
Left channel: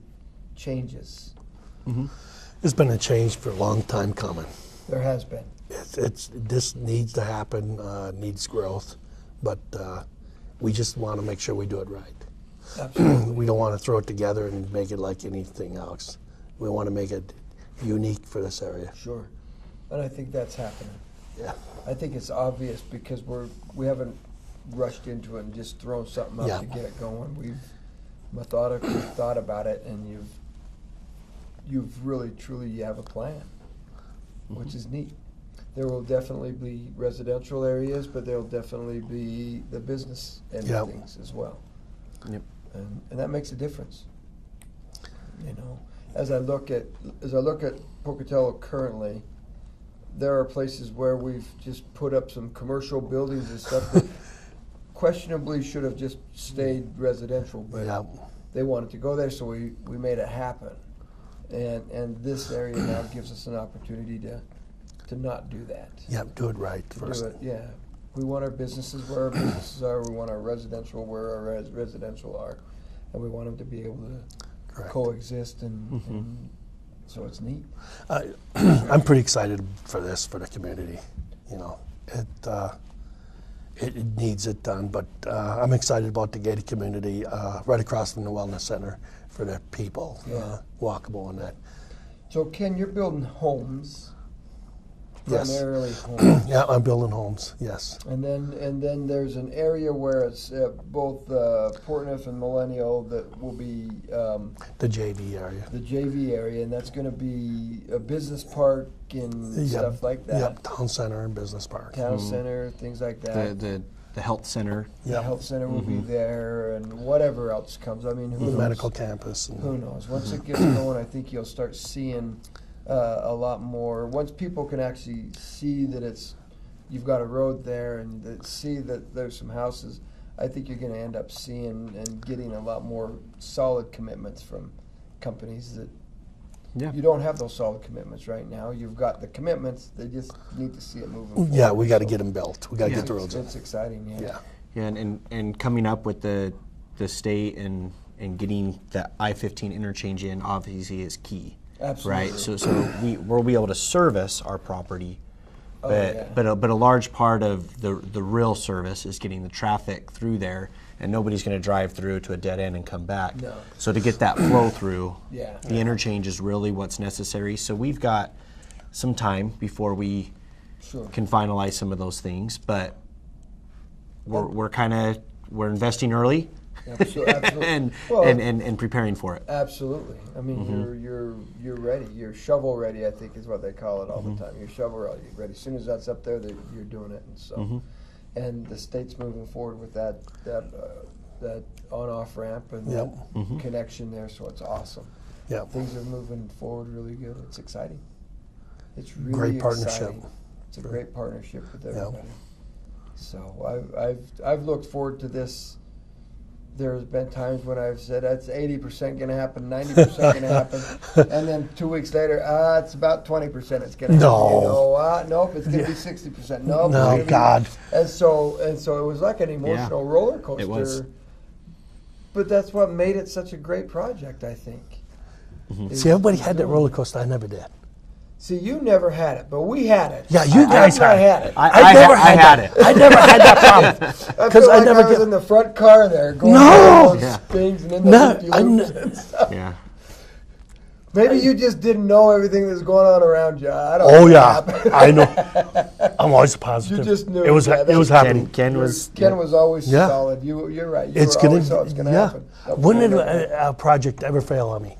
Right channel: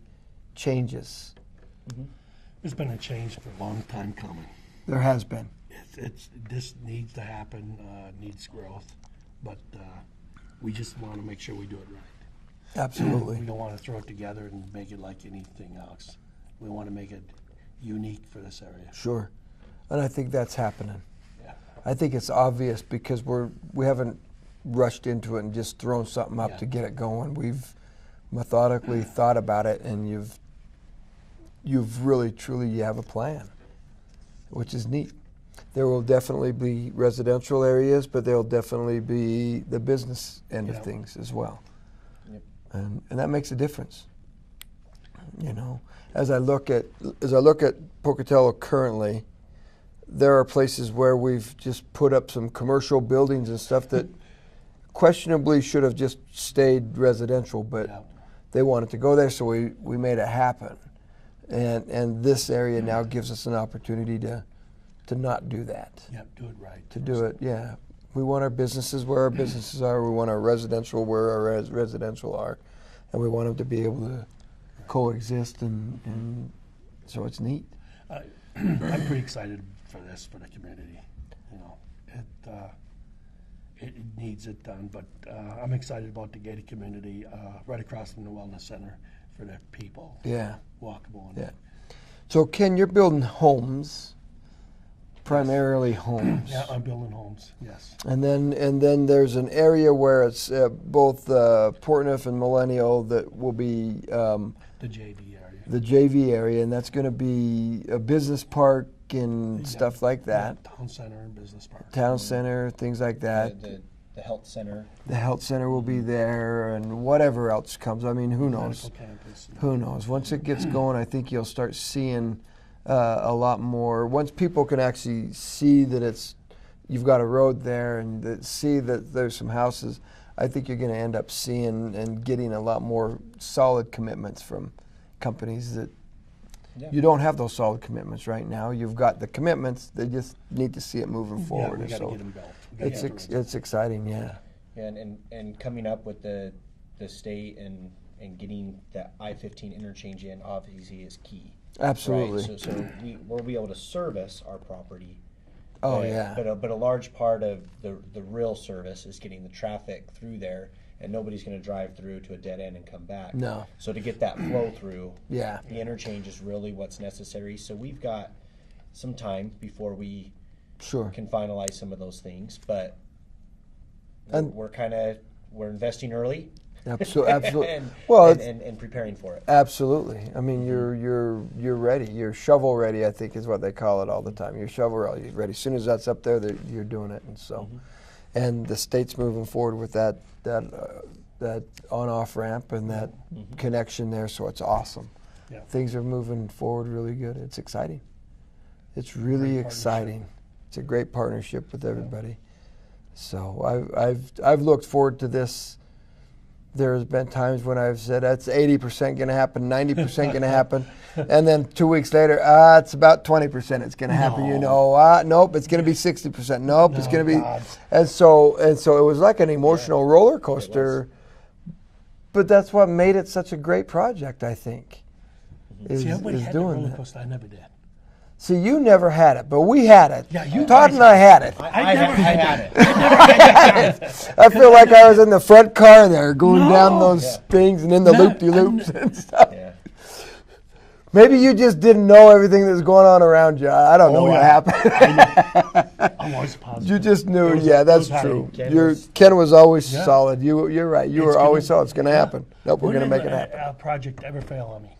changes. There's been a change for a long time coming. There has been. This needs to happen, needs growth, but we just want to make sure we do it right. Absolutely. We don't want to throw it together and make it like anything else. We want to make it unique for this area. Sure. And I think that's happening. Yeah. I think it's obvious because we haven't rushed into it and just thrown something up to get it going. We've methodically thought about it, and you've really truly you have a plan, which is neat. There will definitely be residential areas, but there will definitely be the business end of things as well. Yep. And that makes a difference. You know, as I look at Pocatello currently, there are places where we've just put up some commercial buildings and stuff that questionably should have just stayed residential, but they wanted to go there, so we made it happen. And this area now gives us an opportunity to not do that. Yeah, do it right. To do it, yeah. We want our businesses where our businesses are. We want our residential where our residential are, and we want them to be able to coexist, and so it's neat. I'm pretty excited for this for the community. You know, it needs it done, but I'm excited about the gated community right across from the wellness center for the people. Yeah, walkable and that. So Ken, you're building homes primarily homes. Yeah, I'm building homes. Yes. And then there's an area where it's both Portneuf and Millennial that will be The JV area. the JV area, and that's going to be a business park and Yeah. stuff like that. Yeah, town center and business park. Town center, things like that. The health center. The health center will be there, and whatever else comes. I mean, who knows? Medical campus. Who knows? Once it gets going, I think you'll start seeing a lot more. Once people can actually see that you've got a road there and see that there's some houses, I think you're going to end up seeing and getting a lot more solid commitments from companies that you don't have those solid commitments right now. You've got the commitments. They just need to see it moving forward. Yeah, we got to So get them built. We got to get the roads. it's exciting, yeah. Yeah. Yeah, and coming up with the state and getting the I-15 interchange in obviously is key. Absolutely. Right. So we'll be able to service our property. Oh, but, yeah. but a large part of the real service is getting the traffic through there, and nobody's going to drive through to a dead end and come back. No. So to get that flow through, Yeah. the interchange is really what's necessary. So we've got some time before we Sure. can finalize some of those things, but we're investing early. Absolutely. and, Well, and preparing for it. Absolutely. I mean, Mm-hmm. you're ready. You're shovel ready, I think, is what they call it all Mm-hmm. the time. You're shovel ready. As soon as that's up there, you're doing it. And so, Mm-hmm. and the state's moving forward with that on-off ramp and that Mm-hmm. connection there. So it's awesome. Yeah. Things are moving forward really good. It's exciting. It's really Great partnership. exciting. It's a great partnership with everybody. So I've looked forward to this. There's been times when I've said that's 80% going to happen, 90% going to happen, and then 2 weeks later, it's about 20% it's going to happen. You know, nope, it's going to be 60%. Nope, it's No, going to be. God. And so it was like an emotional roller coaster. was. But that's what made it such a great project, I think. is- See, everybody is had that doing roller it. coaster. I never did. See, you never had it, but we had it. Yeah, you Todd guys and I had it. I never had had that. it. I never had that problem. I 'Cause feel like never I was did. in the front car there, going No. down those Yeah. things and in the No, loop-de-loops I'm- and stuff. Yeah. Maybe you just didn't know everything that was going on around you. I don't know Oh what yeah, happened. I know. I'm always positive. You just knew. it was. Yeah, it was that's happening. Ken was always Yeah. solid. You're right. You It's were gonna- always solid. It's going to yeah. happen. Nope, we're When gonna did make it happen. a project ever fail on me?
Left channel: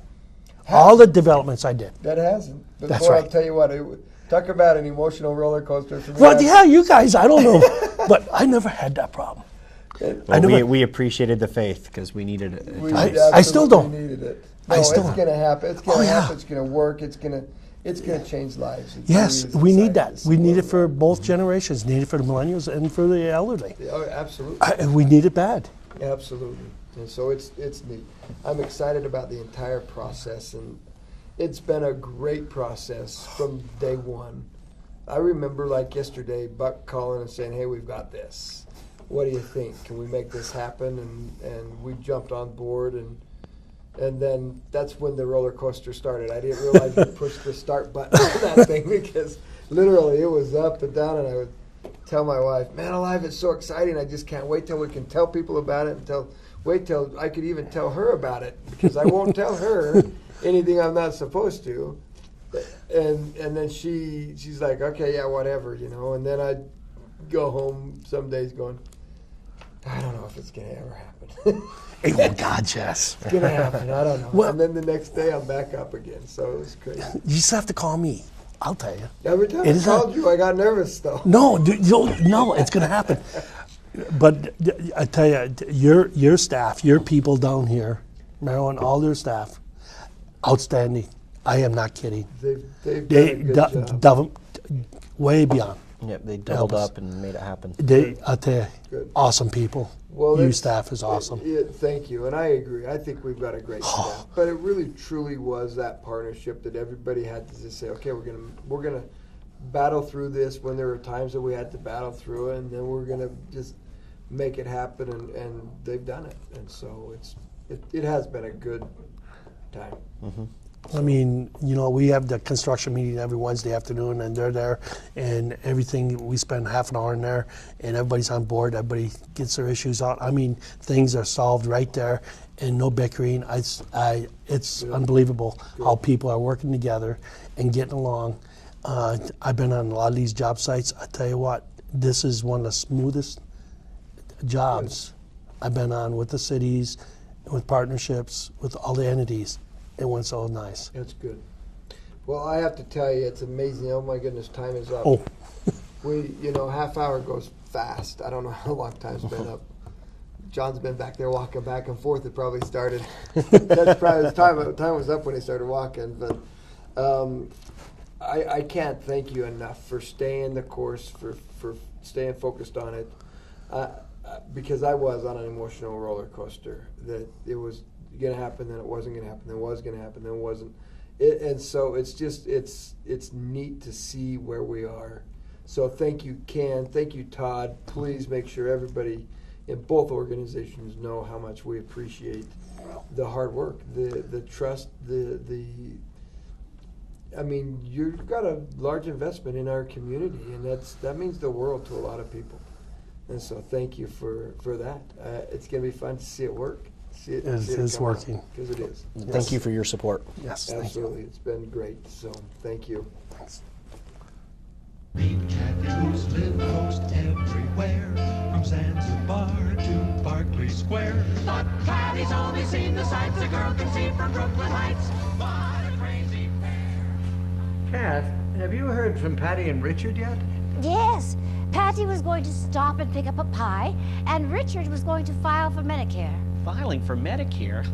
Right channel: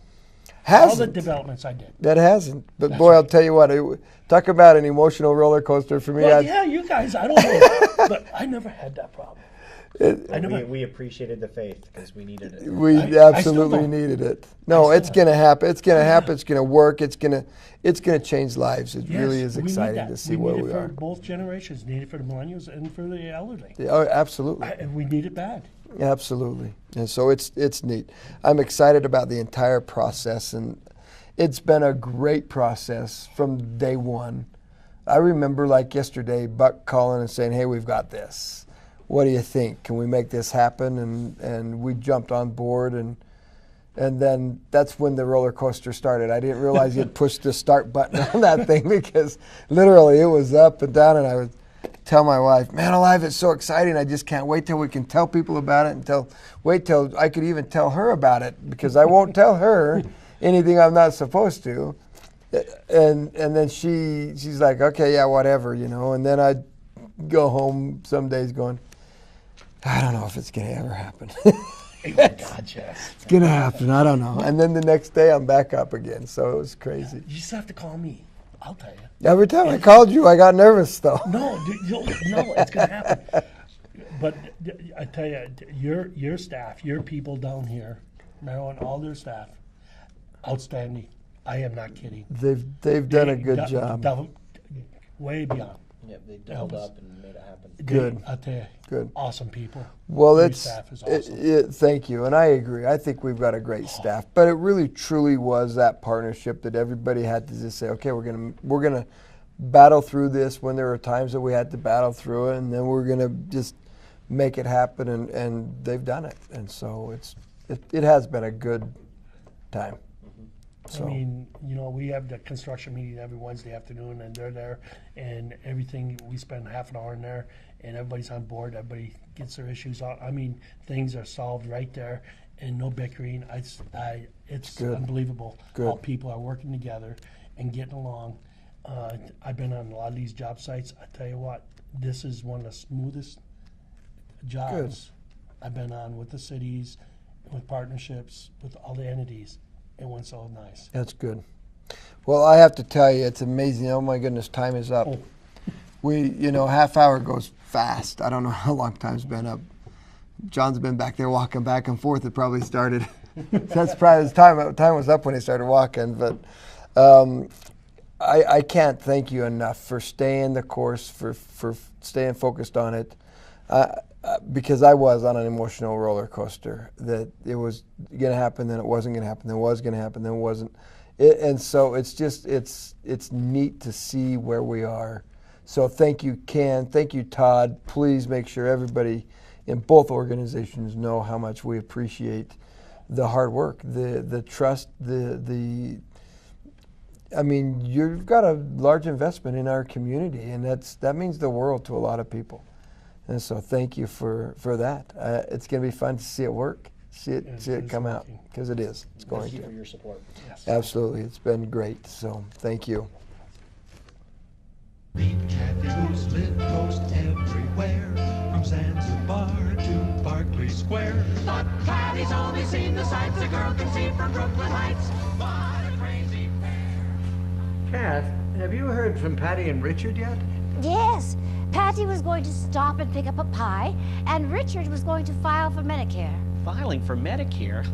Hasn't. All the developments I did. That hasn't. But That's boy, I'll right. tell you what. Talk about an emotional roller coaster for me. Well, yeah, you guys. I don't know, but I never had that problem. Well, never- we appreciated the faith because we needed it. We I still absolutely don't. needed it. I No, still it's don't. going to happen. It's going to Oh, yeah. happen. It's going to work. It's going to change lives. It Yes, really is we need exciting that. to see We where need it we for are. both generations. Need it for the millennials and for the elderly. Yeah, oh, absolutely. We need it bad. Absolutely. And so it's neat. I'm excited about the entire process, and it's been a great process from day one. I remember like yesterday, Buck calling and saying, "Hey, we've got this. What do you think? Can we make this happen?" And we jumped on board, and then that's when the roller coaster started. I didn't realize you pushed the start button on that thing because literally it was up and down, and I would tell my wife, "Man alive, it's so exciting. I just can't wait till we can tell people about it wait till I could even tell her about it because I won't tell her anything I'm not supposed to." And then she's like, "Okay, yeah, whatever, you know." And then I'd go home some days going, "I don't know if it's gonna ever happen." Oh God, yes. It's gonna happen. I don't know. And then the next day I'm back up again. So it was crazy. You just have to call me. I'll tell you. Every time I Is it- called you, I got nervous though. No, no, it's going to happen. But I tell you, your staff, your people down here, Marilyn, all their staff, outstanding. I am not kidding. They've done a good job. Way beyond. Yep, they doubled us. up and made it happen. I'll tell you, Good. awesome people. Well, your it's- staff is awesome. Thank you, and I agree. I think we've got a great staff, but it really, truly was that partnership that everybody had to just say, "Okay, we're gonna battle through this." When there were times that we had to battle through it, and then we're gonna just make it happen, and they've done it, and so it has been a good time. I mean, you know, we have the construction meeting every Wednesday afternoon, and they're there, and everything, we spend half an hour in there, and everybody's on board, everybody gets their issues out. I mean, things are solved right there, and no bickering. It's Good. unbelievable how Good. people are working together and getting along. I've been on a lot of these job sites. I tell you what, this is one of the smoothest jobs I've been on with the cities, with partnerships, with all the entities. It went so nice. That's good. Well, I have to tell you, it's amazing. Oh my goodness, time is up. Oh. Half hour goes fast. I don't know how long time's been up. John's been back there walking back and forth. It probably started. That's probably his time was up when he started walking. But I can't thank you enough for staying the course, for staying focused on it. Because I was on an emotional roller coaster. That it was going to happen, then it wasn't going to happen, then it was going to happen, then it wasn't. And so it's neat to see where we are. So thank you, Ken. Thank you, Todd. Please make sure everybody in both organizations know how much we appreciate the hard work, the trust, I mean, you've got a large investment in our community, and that means the world to a lot of people. And so thank you for that. It's going to be fun to see it work, see it come working out, because it is. Thank you for your support. Yes. Absolutely. It's been great. So thank you. Meet Kathy, who's lit most everywhere, from Zanzibar to Berkeley Square. But Patty's only seen the sights a girl can see from Brooklyn Heights. What a crazy pair. Kath, have you heard from Patty and Richard yet? Yes. Patty was going to stop and pick up a pie, and Richard was going to file for Medicare. Filing for Medicare?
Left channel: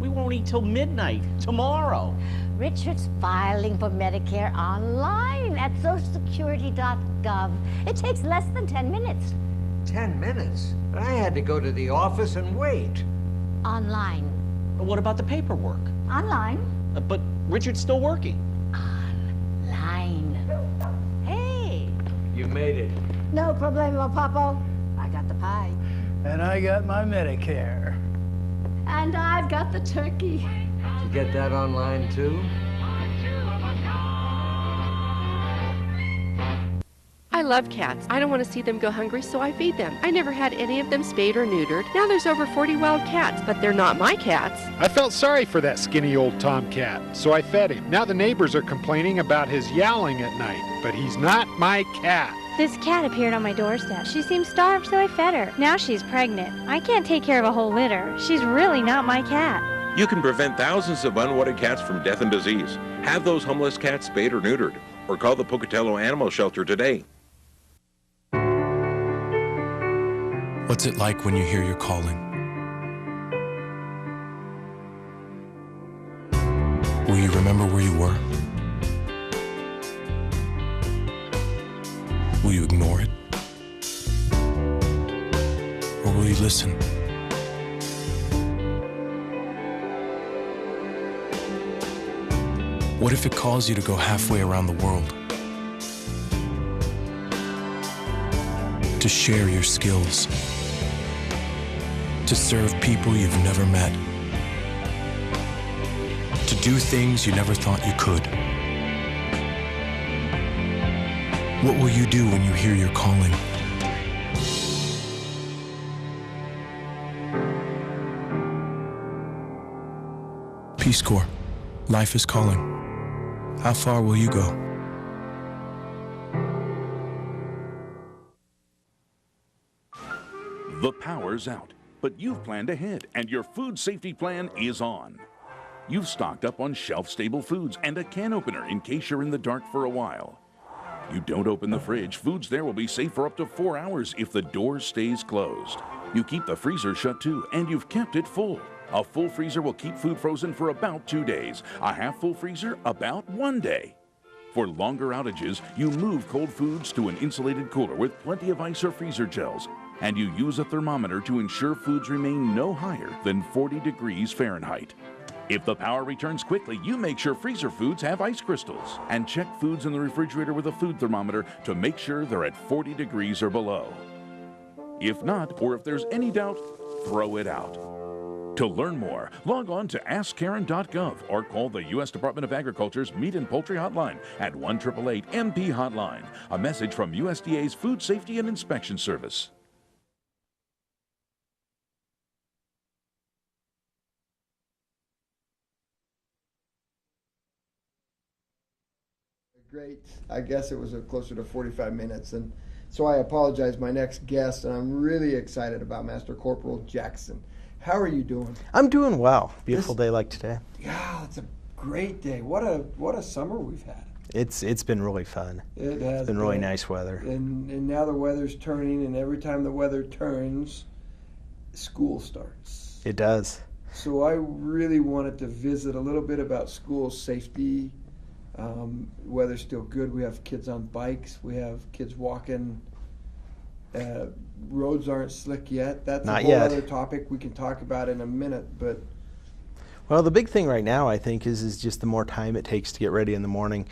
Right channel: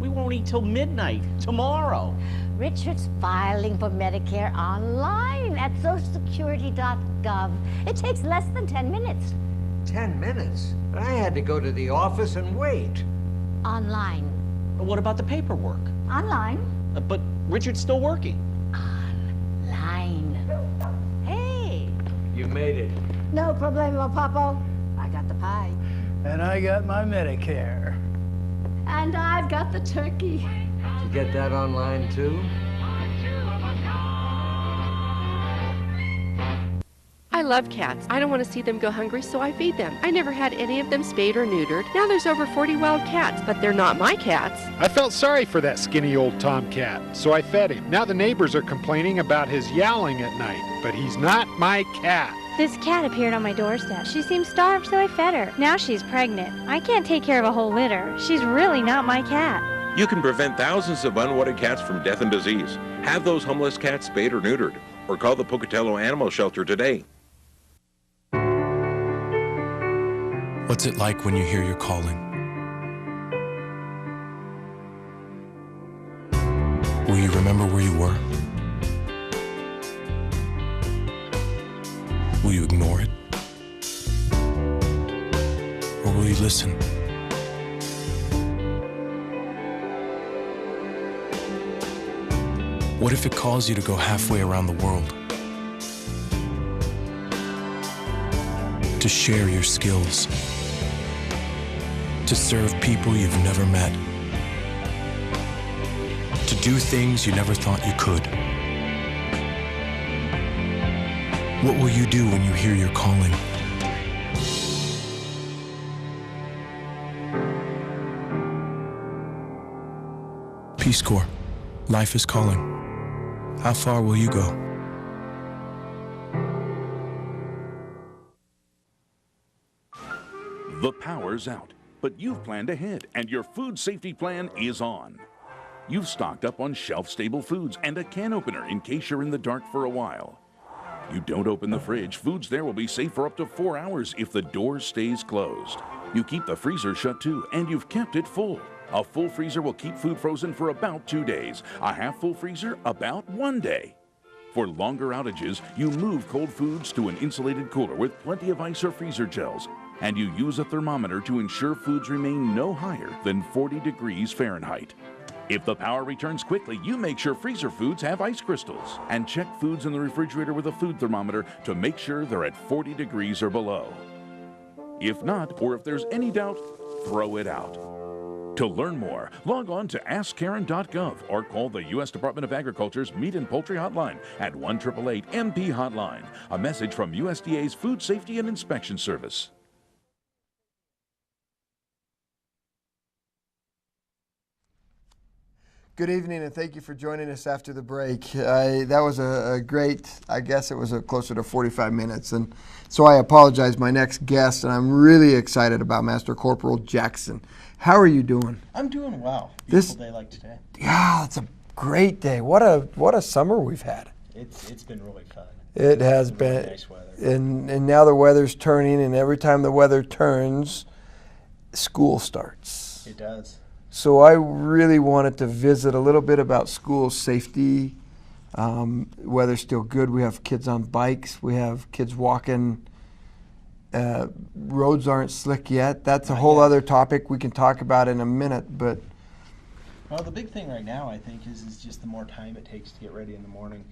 We won't eat till midnight tomorrow. Richard's filing for Medicare online at socialsecurity.gov. It takes less than 10 minutes. 10 minutes? I had to go to the office and wait. Online. What about the paperwork? Online? But Richard's still working. Online. Hey. You made it. No problemo, Papo. I got the pie. And I got my Medicare. And I've got the turkey. Did you get that online too? I love cats. I don't want to see them go hungry, so I feed them. I never had any of them spayed or neutered. Now there's over 40 wild cats, but they're not my cats. I felt sorry for that skinny old tomcat, so I fed him. Now the neighbors are complaining about his yowling at night, but he's not my cat. This cat appeared on my doorstep. She seemed starved, so I fed her. Now she's pregnant. I can't take care of a whole litter. She's really not my cat. You can prevent thousands of unwanted cats from death and disease. Have those homeless cats spayed or neutered, or call the Pocatello Animal Shelter today. What's it like when you hear your calling? Will you remember where you were? Will you ignore it? Or will you listen? What if it calls you to go halfway around the world? To share your skills? To serve people you've never met? To do things you never thought you could? What will you do when you hear your calling? Peace Corps, life is calling. How far will you go? The power's out, but you've planned ahead and your food safety plan is on. You've stocked up on shelf-stable foods and a can opener in case you're in the dark for a while. You don't open the fridge, foods there will be safe for up to 4 hours if the door stays closed. You keep the freezer shut too, and you've kept it full. A full freezer will keep food frozen for about 2 days. A half-full freezer, about 1 day. For longer outages, you move cold foods to an insulated cooler with plenty of ice or freezer gels, and you use a thermometer to ensure foods remain no higher than 40 degrees Fahrenheit. If the power returns quickly, you make sure freezer foods have ice crystals and check foods in the refrigerator with a food thermometer to make sure they're at 40 degrees or below. If not, or if there's any doubt, throw it out. To learn more, log on to AskKaren.gov or call the U.S. Department of Agriculture's Meat and Poultry Hotline at 1-888-MP-HOTLINE. A message from USDA's Food Safety and Inspection Service. Good evening, and thank you for joining us after the break. That was a great, I guess it was closer to 45 minutes, and so I apologize, my next guest, and I'm really excited about Master Corporal Jackson. How are you doing? I'm doing well. Beautiful day like today. Yeah, it's a great day. What a summer we've had. It's been really fun. It has been really nice weather. And now the weather's turning, and every time the weather turns, school starts. It does. So I really wanted to visit a little bit about school safety. Weather's still good. We have kids on bikes. We have kids walking. Roads aren't slick yet. That's a whole other topic we can talk about in a minute. But well, the big thing right now, I think, is just the more time it takes to get ready in the morning.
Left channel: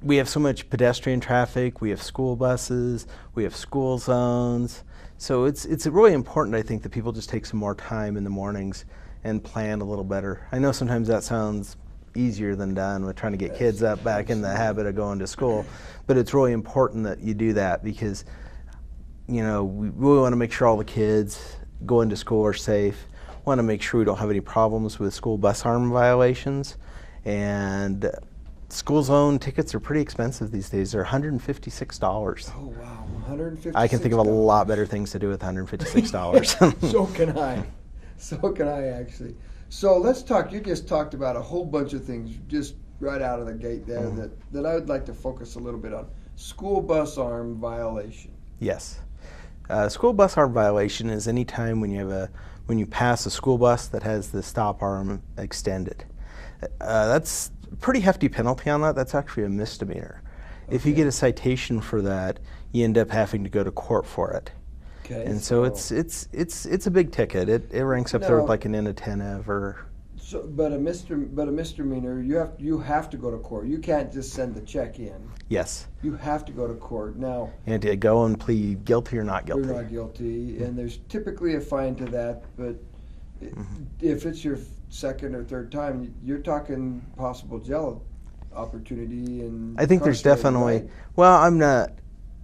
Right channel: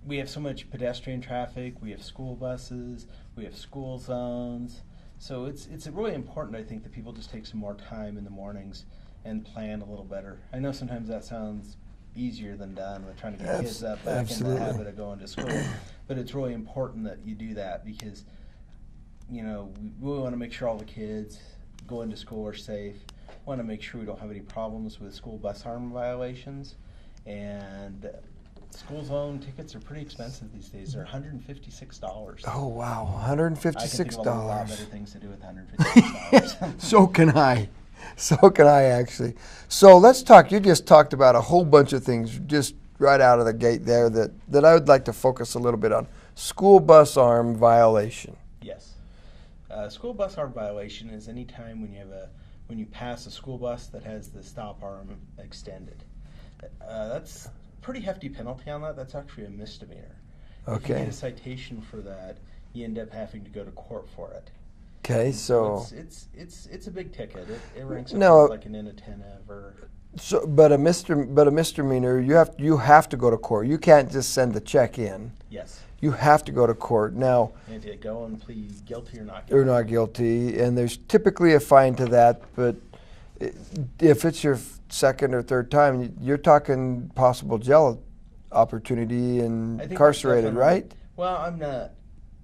We have so much pedestrian traffic. We have school buses. We have school zones. So it's really important, I think, that people just take some more time in the mornings and plan a little better. I know sometimes that sounds easier than done with trying to get kids up back in the habit of going to school, but it's really important that you do that because, you know, we really want to make sure all the kids going to school are safe. We want to make sure we don't have any problems with school bus arm violations, and school zone tickets are pretty expensive these days. They're $156. Oh, wow, $156. I can think of a lot better things to do with $156. So can I. So can I, actually. So let's talk. You just talked about a whole bunch of things just right out of the gate there that I would like to focus a little bit on. School bus arm violation. Yes. School bus arm violation is any time when you pass a school bus that has the stop arm extended. That's pretty hefty penalty on that. That's actually a misdemeanor. Okay. If you get a citation for that, you end up having to go to court for it. Okay, and so it's a big ticket. It ranks up there with like an inattentive or. So, but a misdemeanor, you have to go to court. You can't just send the check in. Yes. You have to go to court now. And to go and plead guilty or not guilty. Or not guilty, and there's typically a fine to that, but if it's your second or third time, you're talking possible jail opportunity and I think there's definitely, right? Well,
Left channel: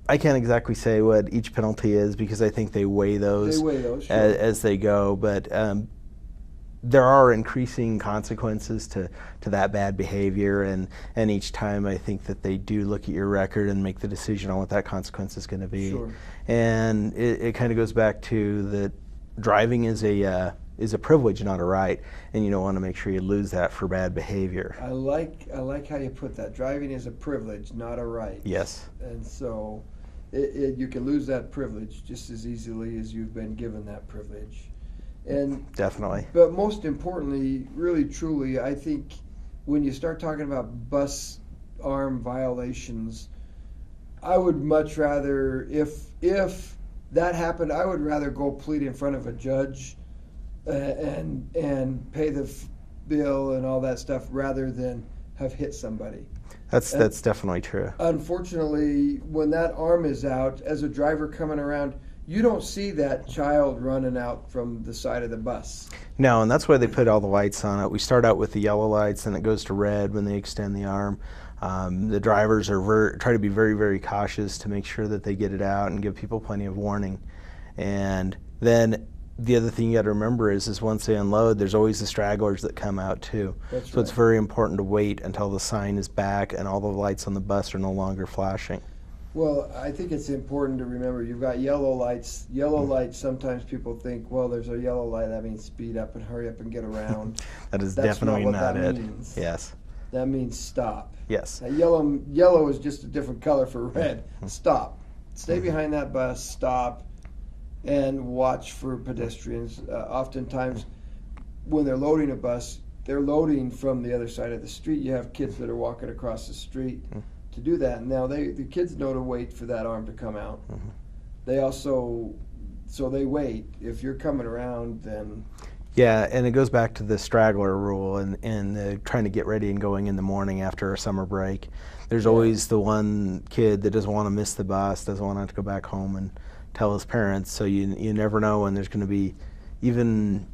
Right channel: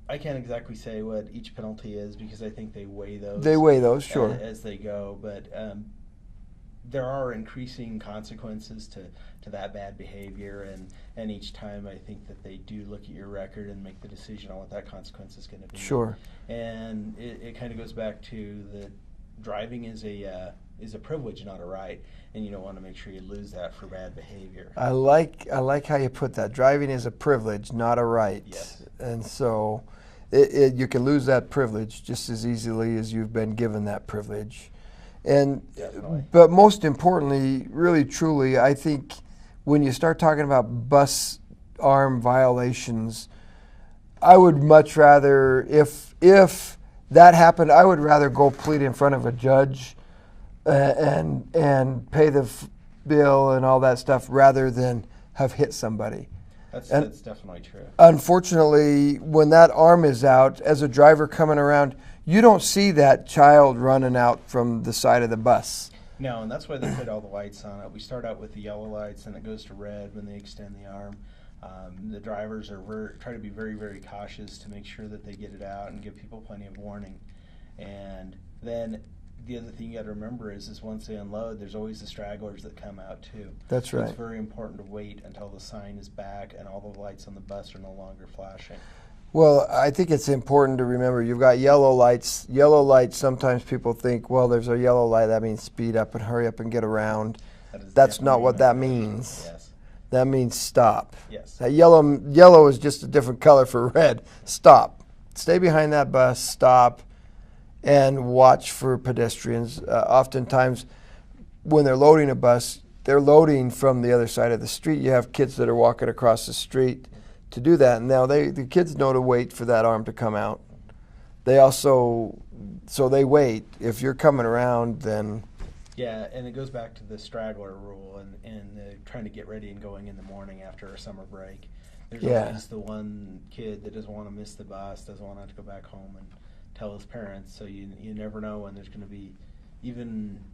I can't exactly say what each penalty is because I think they weigh those. They weigh those, sure. As they go, but there are increasing consequences to that bad behavior, and each time I think that they do look at your record and make the decision on what that consequence is going to be. Sure. And it kind of goes back to that driving is a privilege, not a right, and you don't want to make sure you lose that for bad behavior. I like how you put that. Driving is a privilege, not a right. Yes. And so you can lose that privilege just as easily as you've been given that privilege. And definitely. But most importantly, really truly, I think when you start talking about bus arm violations, I would much rather, if that happened, I would rather go plead in front of a judge and pay the bill and all that stuff rather than have hit somebody. That's definitely true. Unfortunately, when that arm is out, as a driver coming around, you don't see that child running out from the side of the bus. No, and that's why they put all the lights on it. We start out with the yellow lights, and it goes to red when they extend the arm. The drivers are try to be very, very cautious to make sure that they get it out and give people plenty of warning. And then the other thing you got to remember is once they unload, there's always the stragglers that come out too. That's so right. It's very important to wait until the sign is back and all the lights on the bus are no longer flashing. Well, I think it's important to remember you've got yellow lights. Yellow lights, sometimes people think, well, there's a yellow light, that means speed up and hurry up and get around. That's not what that it. means. Yes. That means stop. Yes. That yellow is just a different color for red. Stop. Stay behind that bus, stop, and watch for pedestrians. Oftentimes, when they're loading a bus, they're loading from the other side of the street. You have kids that are walking across the street to do that. Now, the kids know to wait for that arm to come out. They also, so they wait. If you're coming around, then... Yeah, and it goes back to the straggler rule and trying to get ready and going in the morning after a summer break. There's always the one kid that doesn't want to miss the bus, doesn't want to have to go back home and tell his parents. So you never know when there's going to be, even,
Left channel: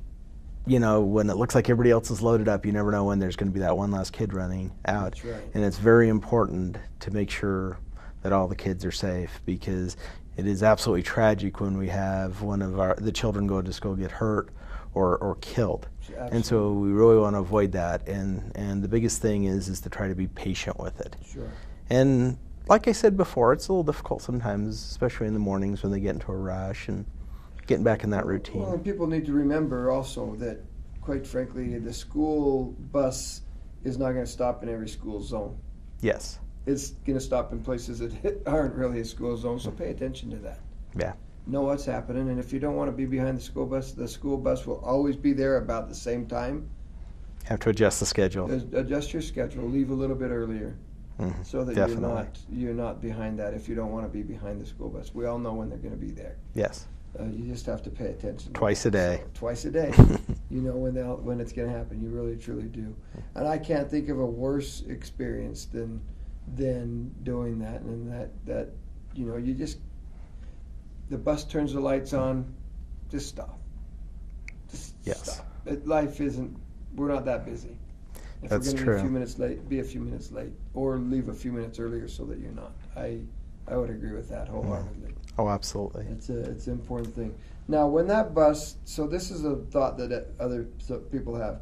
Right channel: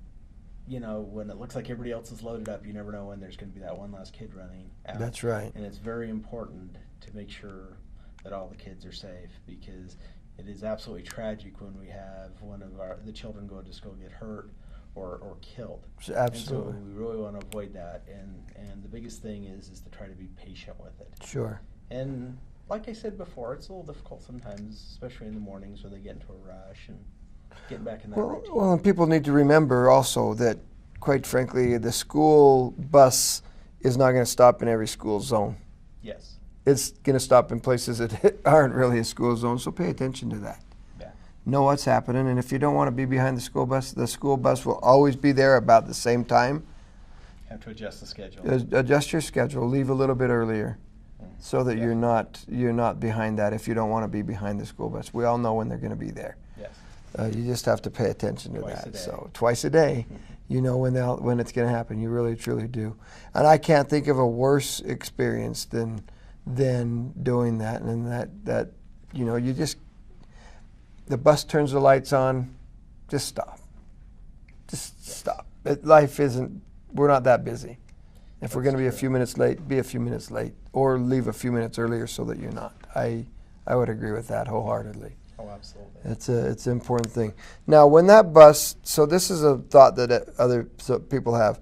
you know, when it looks like everybody else is loaded up, you never know when there's going to be that one last kid running out. That's right. And it's very important to make sure that all the kids are safe, because it is absolutely tragic when we have one of the children go to school get hurt, or killed. Absolutely. And so we really want to avoid that. And the biggest thing is to try to be patient with it. Sure. And like I said before, it's a little difficult sometimes, especially in the mornings when they get into a rush and getting back in that routine. Well, and people need to remember also that, quite frankly, the school bus is not going to stop in every school zone. Yes. It's going to stop in places that aren't really a school zone, so pay attention to that. Yeah. Know what's happening, and if you don't want to be behind the school bus will always be there about the same time. Have to adjust the schedule. Adjust your schedule. Leave a little bit earlier, so that Definitely. you're not behind that. If you don't want to be behind the school bus, we all know when they're going to be there. Yes. You just have to pay attention. Twice to a that. day. So, twice a day. You know when it's going to happen. You really truly do. And I can't think of a worse experience than doing that. And that you just, the bus turns the lights on, just stop. Just stop. Life isn't. We're not that busy. If we're That's going to be a true. few minutes late, be a few minutes late, or leave a few minutes earlier so that you're not. I would agree with that wholeheartedly. Oh, absolutely. It's an important thing. Now, when that bus, so this is a thought that other people have.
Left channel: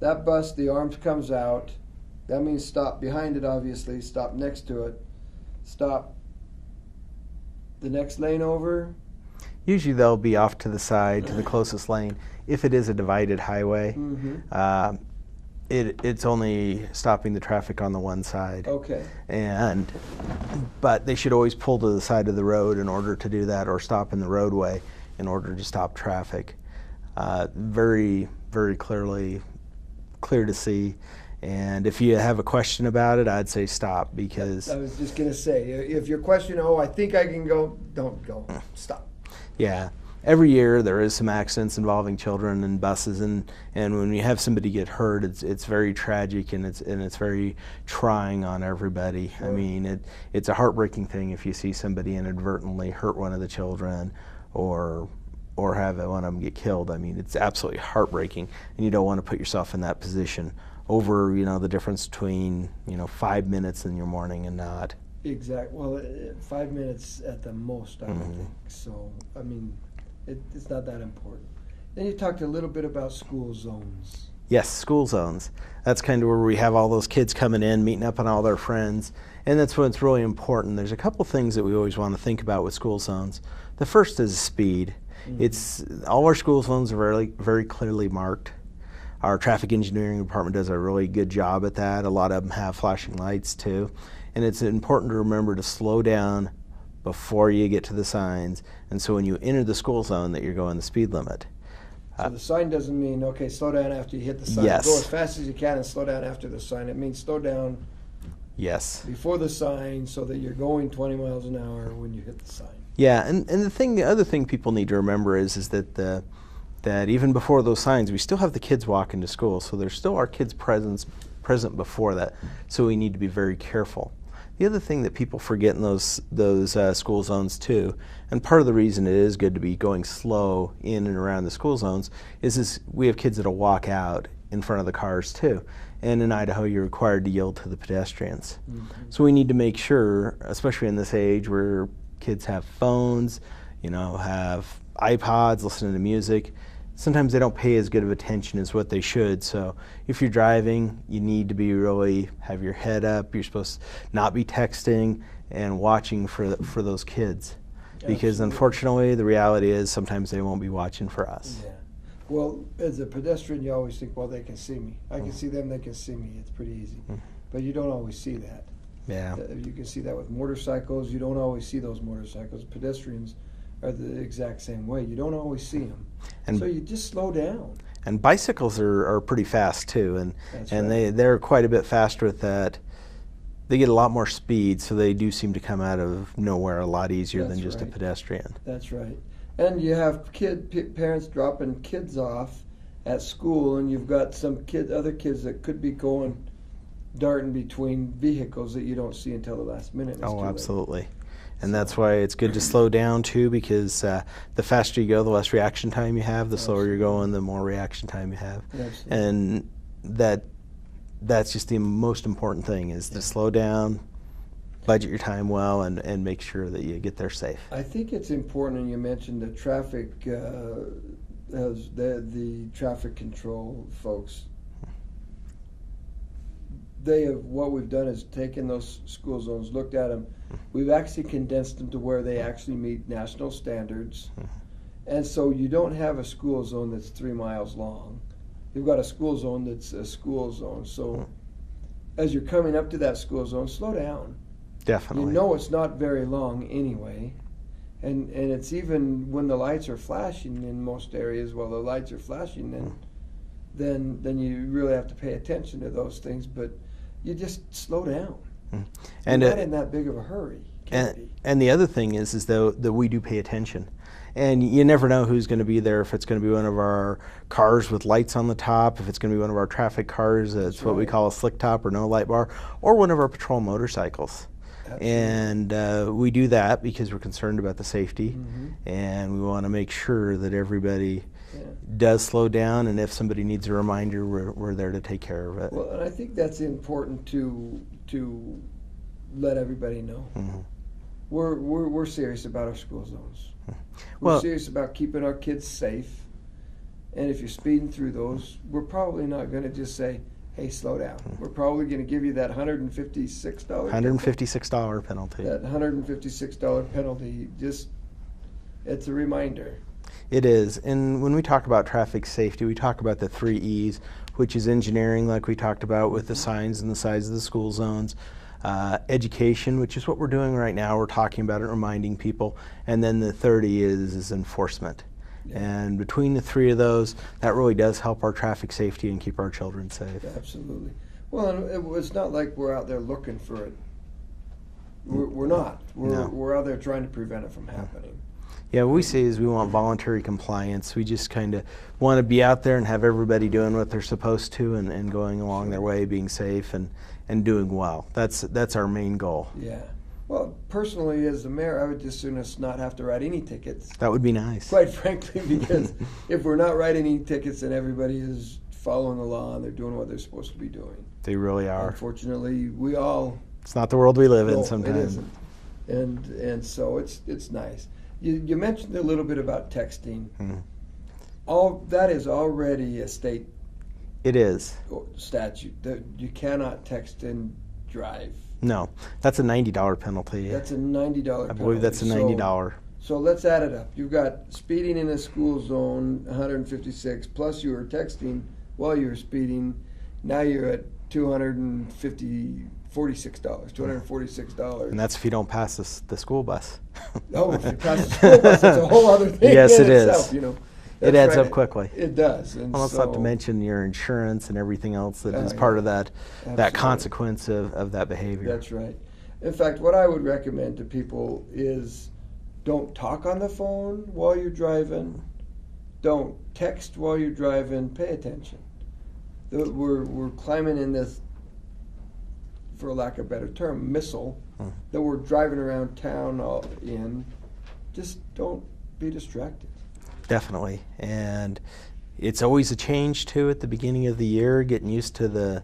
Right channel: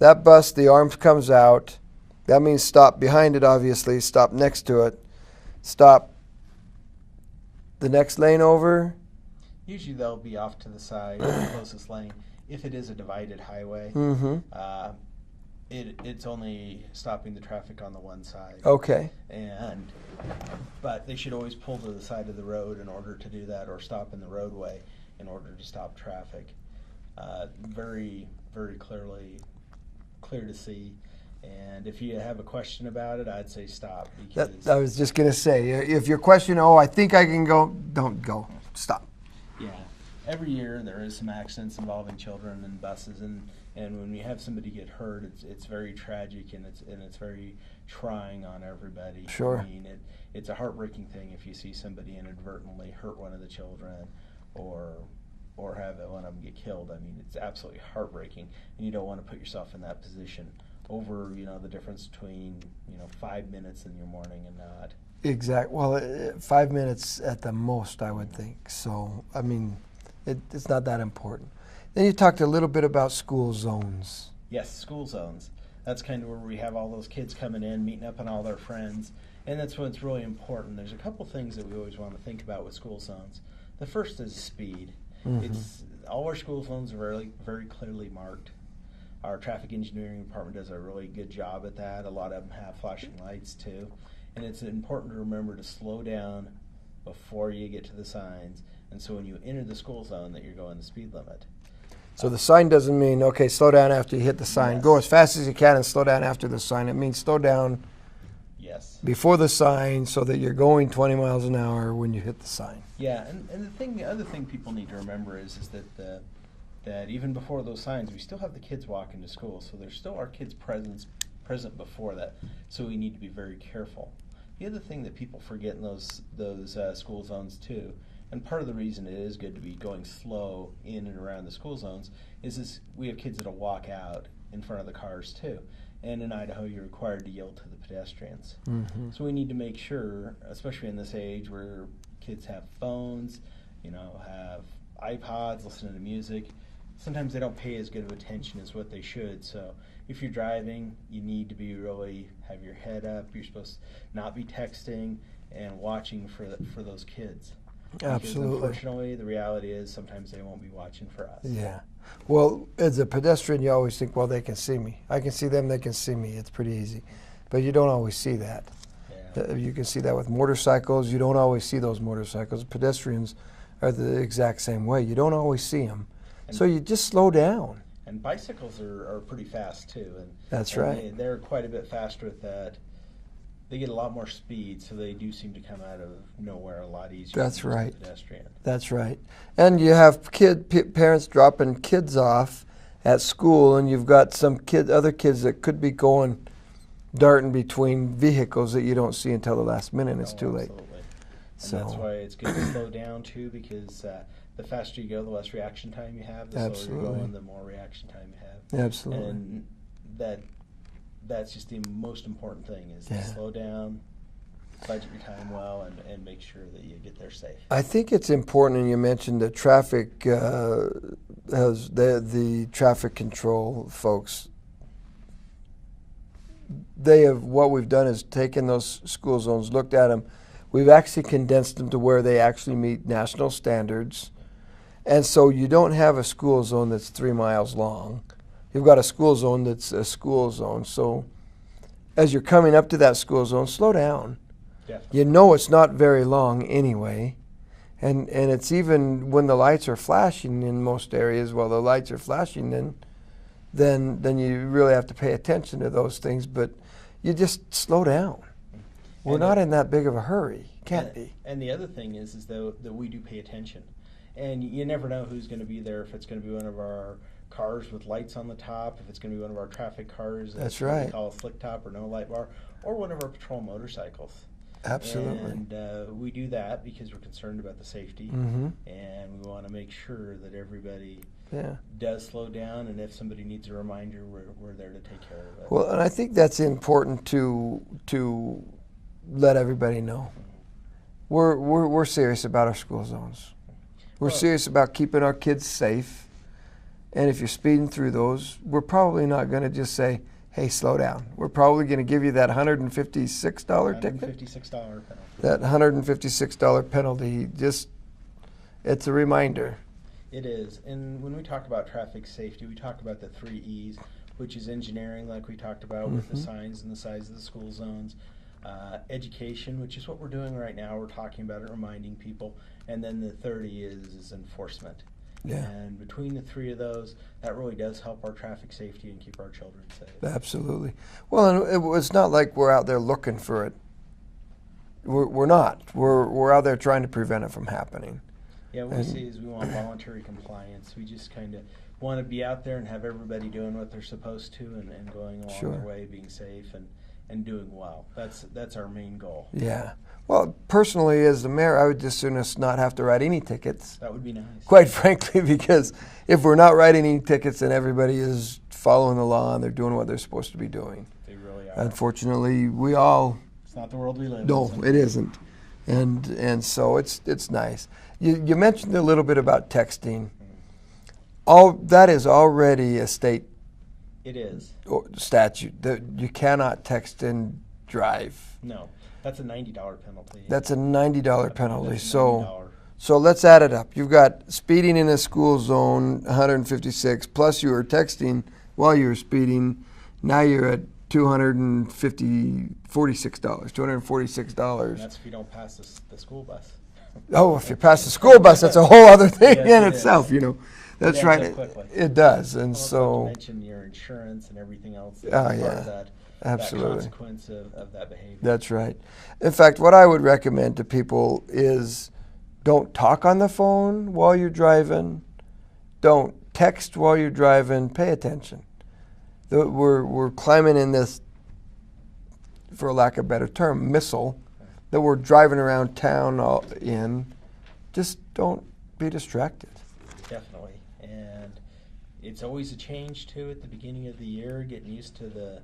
That bus, the arms comes out. That means stop behind it, obviously. Stop next to it. Stop the next lane over. Usually they'll be off to the side, to the closest lane. If it is a divided highway, it's only stopping the traffic on the one side. Okay. But they should always pull to the side of the road in order to do that, or stop in the roadway in order to stop traffic. Very, very clear to see. And if you have a question about it, I'd say stop, because I was just going to say, if your question, I think I can go, don't go. Stop. Yeah. Every year there is some accidents involving children and buses, and when you have somebody get hurt, it's very tragic, and it's very trying on everybody. Sure. I mean, it's a heartbreaking thing if you see somebody inadvertently hurt one of the children, or have one of them get killed. I mean, it's absolutely heartbreaking, and you don't want to put yourself in that position over the difference between 5 minutes in your morning and not. Exactly. Well, 5 minutes at the most, I would think. So, I mean, it's not that important. Then you talked a little bit about school zones. Yes, school zones. That's kind of where we have all those kids coming in, meeting up on all their friends, and that's what's really important. There's a couple things that we always want to think about with school zones. The first is speed. It's all our school zones are very, very clearly marked. Our traffic engineering department does a really good job at that. A lot of them have flashing lights too, and it's important to remember to slow down before you get to the signs, and so when you enter the school zone that you're going the speed limit. So the sign doesn't mean, okay, slow down after you hit the sign. Yes. Go as fast as you can and slow down after the sign. It means slow down before the sign so that you're going 20 miles an hour when you hit the sign. Yeah, and the other thing people need to remember is that that even before those signs, we still have the kids walking to school, so there's still our kids present before that, so we need to be very careful. The other thing that people forget in those school zones too, and part of the reason it is good to be going slow in and around the school zones, is we have kids that'll walk out in front of the cars too. And in Idaho, you're required to yield to the pedestrians. So we need to make sure, especially in this age where kids have phones, have iPods, listening to music, sometimes they don't pay as good of attention as what they should. So if you're driving, you need to be really have your head up. You're supposed to not be texting and watching for those kids. Because Absolutely. Unfortunately, the reality is sometimes they won't be watching for us. Yeah. Well, as a pedestrian, you always think, well, they can see me. I can see them, they can see me. It's pretty easy. But you don't always see that. Yeah. You can see that with motorcycles. You don't always see those motorcycles. Pedestrians are the exact same way. You don't always see them. And so you just slow down. And bicycles are pretty fast too, and That's and right. they're quite a bit faster with that. They get a lot more speed, so they do seem to come out of nowhere a lot easier That's than just right. a pedestrian. That's right. And you have parents dropping kids off at school, and you've got some other kids that could be darting between vehicles that you don't see until the last minute. It's too late. Absolutely. And that's why it's good to slow down too, because the faster you go, the less reaction time you have. The slower you're going, the more reaction time you have. Absolutely. And that's just the most important thing, is to slow down, budget your time well, and make sure that you get there safe. I think it's important, and you mentioned the traffic as the traffic control folks, what we've done is taken those school zones, looked at them. We've actually condensed them to where they actually meet national standards. And so you don't have a school zone that's 3 miles long. You've got a school zone that's a school zone. So as you're coming up to that school zone, slow down. Definitely. You know it's not very long anyway. And it's even when the lights are flashing in most areas, while the lights are flashing, then you really have to pay attention to those things. But you just slow down. We're not in that big of a hurry. Can't be. And the other thing is though that we do pay attention. And you never know who's going to be there, if it's going to be one of our cars with lights on the top, if it's going to be one of our traffic cars, that's what we call a slick top or no light bar, or one of our patrol motorcycles. Absolutely. And we do that because we're concerned about the safety, and we want to make sure that everybody does slow down, and if somebody needs a reminder, we're there to take care of it. Well, and I think that's important to let everybody know. We're serious about our school zones. We're serious about keeping our kids safe, and if you're speeding through those, we're probably not going to just say, hey, slow down. We're probably going to give you that $156 $156 penalty. That $156 penalty, it's a reminder. It is, and when we talk about traffic safety, we talk about the 3 E's, which is engineering, like we talked about with the signs and the size of the school zones. Education, which is what we're doing right now. We're talking about it, reminding people. And then the third E is enforcement. Yeah. And between the 3 of those, that really does help our traffic safety and keep our children safe. Absolutely. Well, and it's not like we're out there looking for it. We're not. We're out there trying to prevent it from happening. Yeah, what we say is we want voluntary compliance. We just kind of want to be out there and have everybody doing what they're supposed to and going along their way, being safe and doing well. That's our main goal. Yeah. Well, personally, as the mayor, I would just soon as not have to write any tickets. That would be nice. Quite frankly, because if we're not writing any tickets, then everybody is following the law and they're doing what they're supposed to be doing. They really are. Unfortunately, we all... It's not the world we live in sometimes. No, it isn't. And so it's nice. You mentioned a little bit about texting. All that is already a state statute that you cannot text and drive. No, that's a $90 penalty. That's a $90 penalty. I believe that's a $90. So let's add it up. You've got speeding in a school zone, 156, plus you were texting while you were speeding. Now you're at $246. And that's if you don't pass the school bus. Oh, if you pass the school bus, that's a whole other thing yes, in it itself, is. you know. It adds up quickly. It does, and well, let's not to mention your insurance and everything else that is part of that consequence of that behavior. That's right. In fact, what I would recommend to people is don't talk on the phone while you're driving. Don't text while you're driving. Pay attention. We're climbing in this, for lack of a better term, missile that we're driving around town in. Just don't be distracted. Definitely, and it's always a change too at the beginning of the year, getting used to the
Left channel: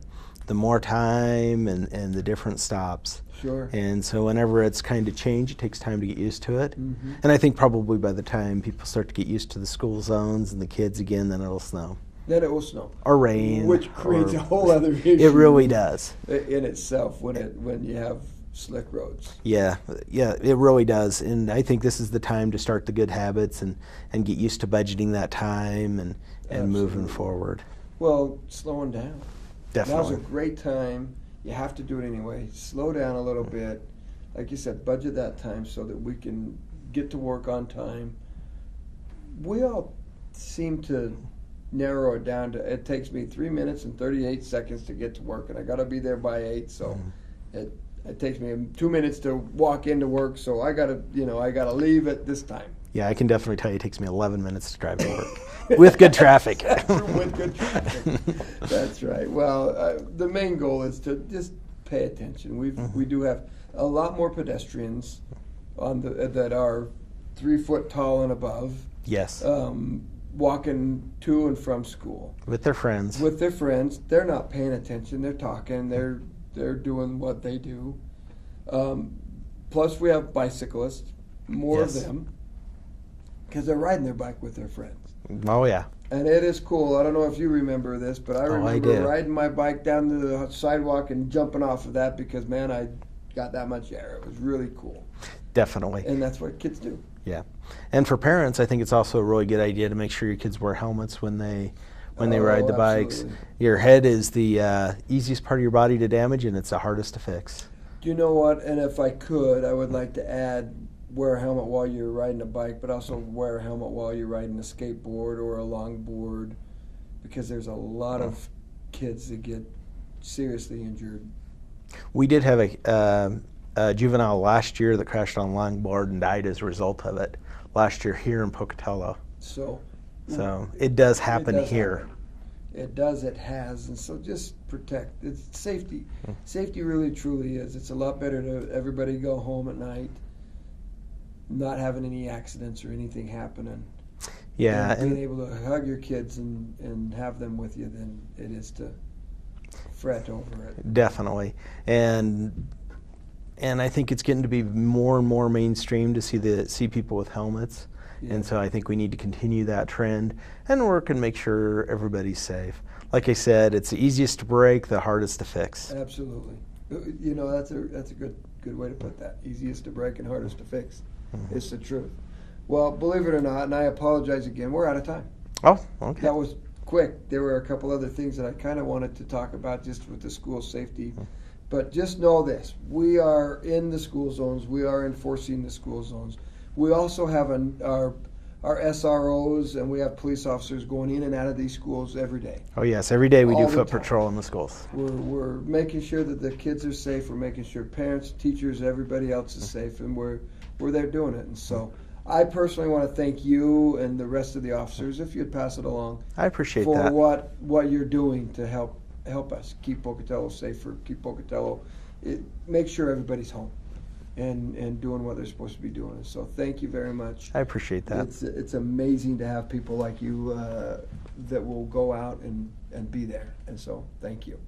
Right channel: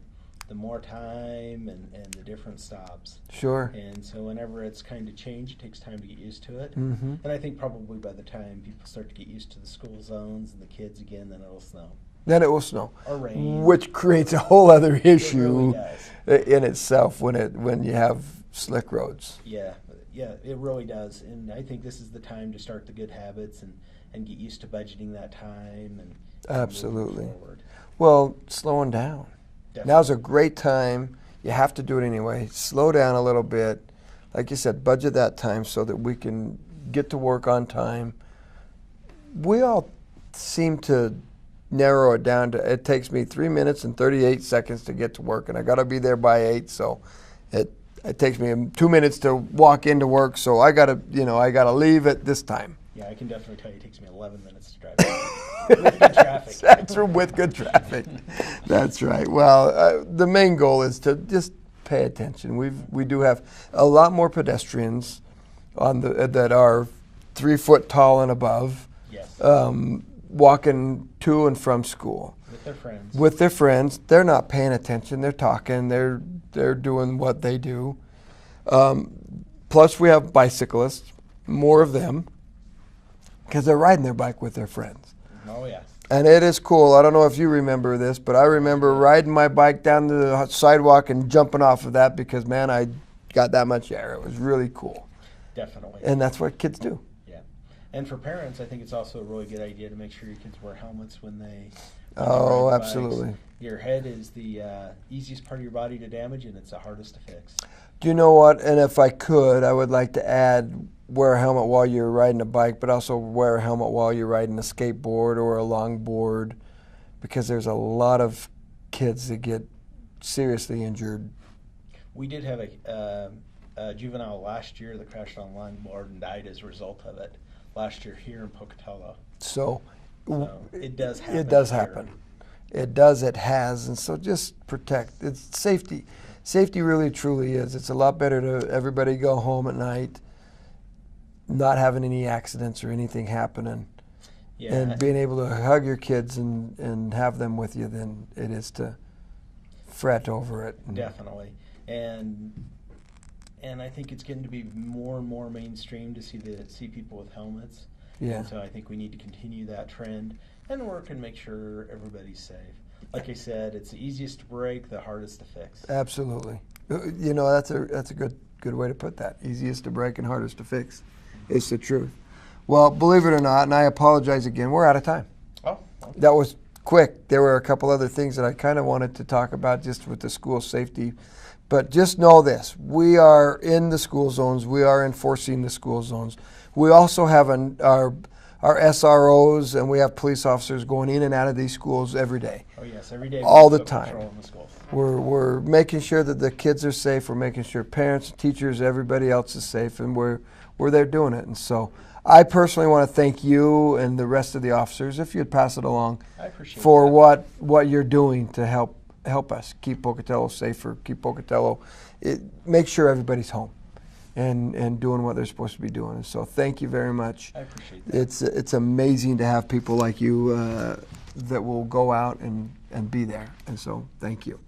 more time and the different stops. Sure. And so whenever it's kind of changed, it takes time to get used to it. And I think probably by the time people start to get used to the school zones and the kids again, then it'll snow. Then it will snow. Or rain. Which creates a whole other issue. It really does. In itself when you have slick roads. Yeah, it really does. And I think this is the time to start the good habits and get used to budgeting that time and moving forward. Well, slowing down. Definitely. Now's a great time. You have to do it anyway. Slow down a little bit. Like you said, budget that time so that we can get to work on time. We all seem to narrow it down to, it takes me 3 minutes and 38 seconds to get to work, and I got to be there by 8, so it takes me 2 minutes to walk into work, so I got to leave at this time. Yeah, I can definitely tell you it takes me 11 minutes to drive over with good traffic. With good traffic. That's right. Well, the main goal is to just pay attention. We do have a lot more pedestrians that are 3 foot tall and above. Yes. Walking to and from school. With their friends. With their friends. They're not paying attention. They're talking. They're doing what they do. Plus, we have bicyclists, more of them, because they're riding their bike with their friends. Oh, yeah. And it is cool. I don't know if you remember this, but I remember did. riding my bike down the sidewalk and jumping off of that because, man, I got that much air. It was really cool. Definitely. And that's what kids do. Yeah. And for parents, I think it's also a really good idea to make sure your kids wear helmets when they ride the bikes. Absolutely. Your head is the easiest part of your body to damage, and it's the hardest to fix. Do you know what? And if I could, I would like to add wear a helmet while you're riding a bike, but also wear a helmet while you're riding a skateboard or a longboard, because there's a lot of kids that get seriously injured. We did have a juvenile last year that crashed on a longboard and died as a result of it last year here in Pocatello. So it does happen here. It does, it has, and so just protect. It's safety. Safety really truly is. It's a lot better to everybody go home at night not having any accidents or anything happening. Yeah. And being able to hug your kids and have them with you than it is to fret over it. Definitely. And I think it's getting to be more and more mainstream to see people with helmets. Yeah. And so I think we need to continue that trend and work and make sure everybody's safe. Like I said, it's the easiest to break, the hardest to fix. Absolutely. You know, that's a good way to put that. Easiest to break and hardest to fix. It's the truth. Well, believe it or not, and I apologize again, we're out of time. Oh, okay. That was quick. There were a couple other things that I kind of wanted to talk about just with the school safety. But just know this, we are in the school zones. We are enforcing the school zones. We also have our SROs, and we have police officers going in and out of these schools every day. Oh yes, every day we All do the foot time. patrol in the schools. We're making sure that the kids are safe. We're making sure parents, teachers, everybody else is safe, and we're there doing it. And so I personally want to thank you and the rest of the officers, if you'd pass it along. I appreciate for that. what you're doing to help us keep Pocatello safer, keep Pocatello, make sure everybody's home and doing what they're supposed to be doing. So thank you very much. I appreciate that. It's amazing to have people like you that will go out and be there. And so thank you.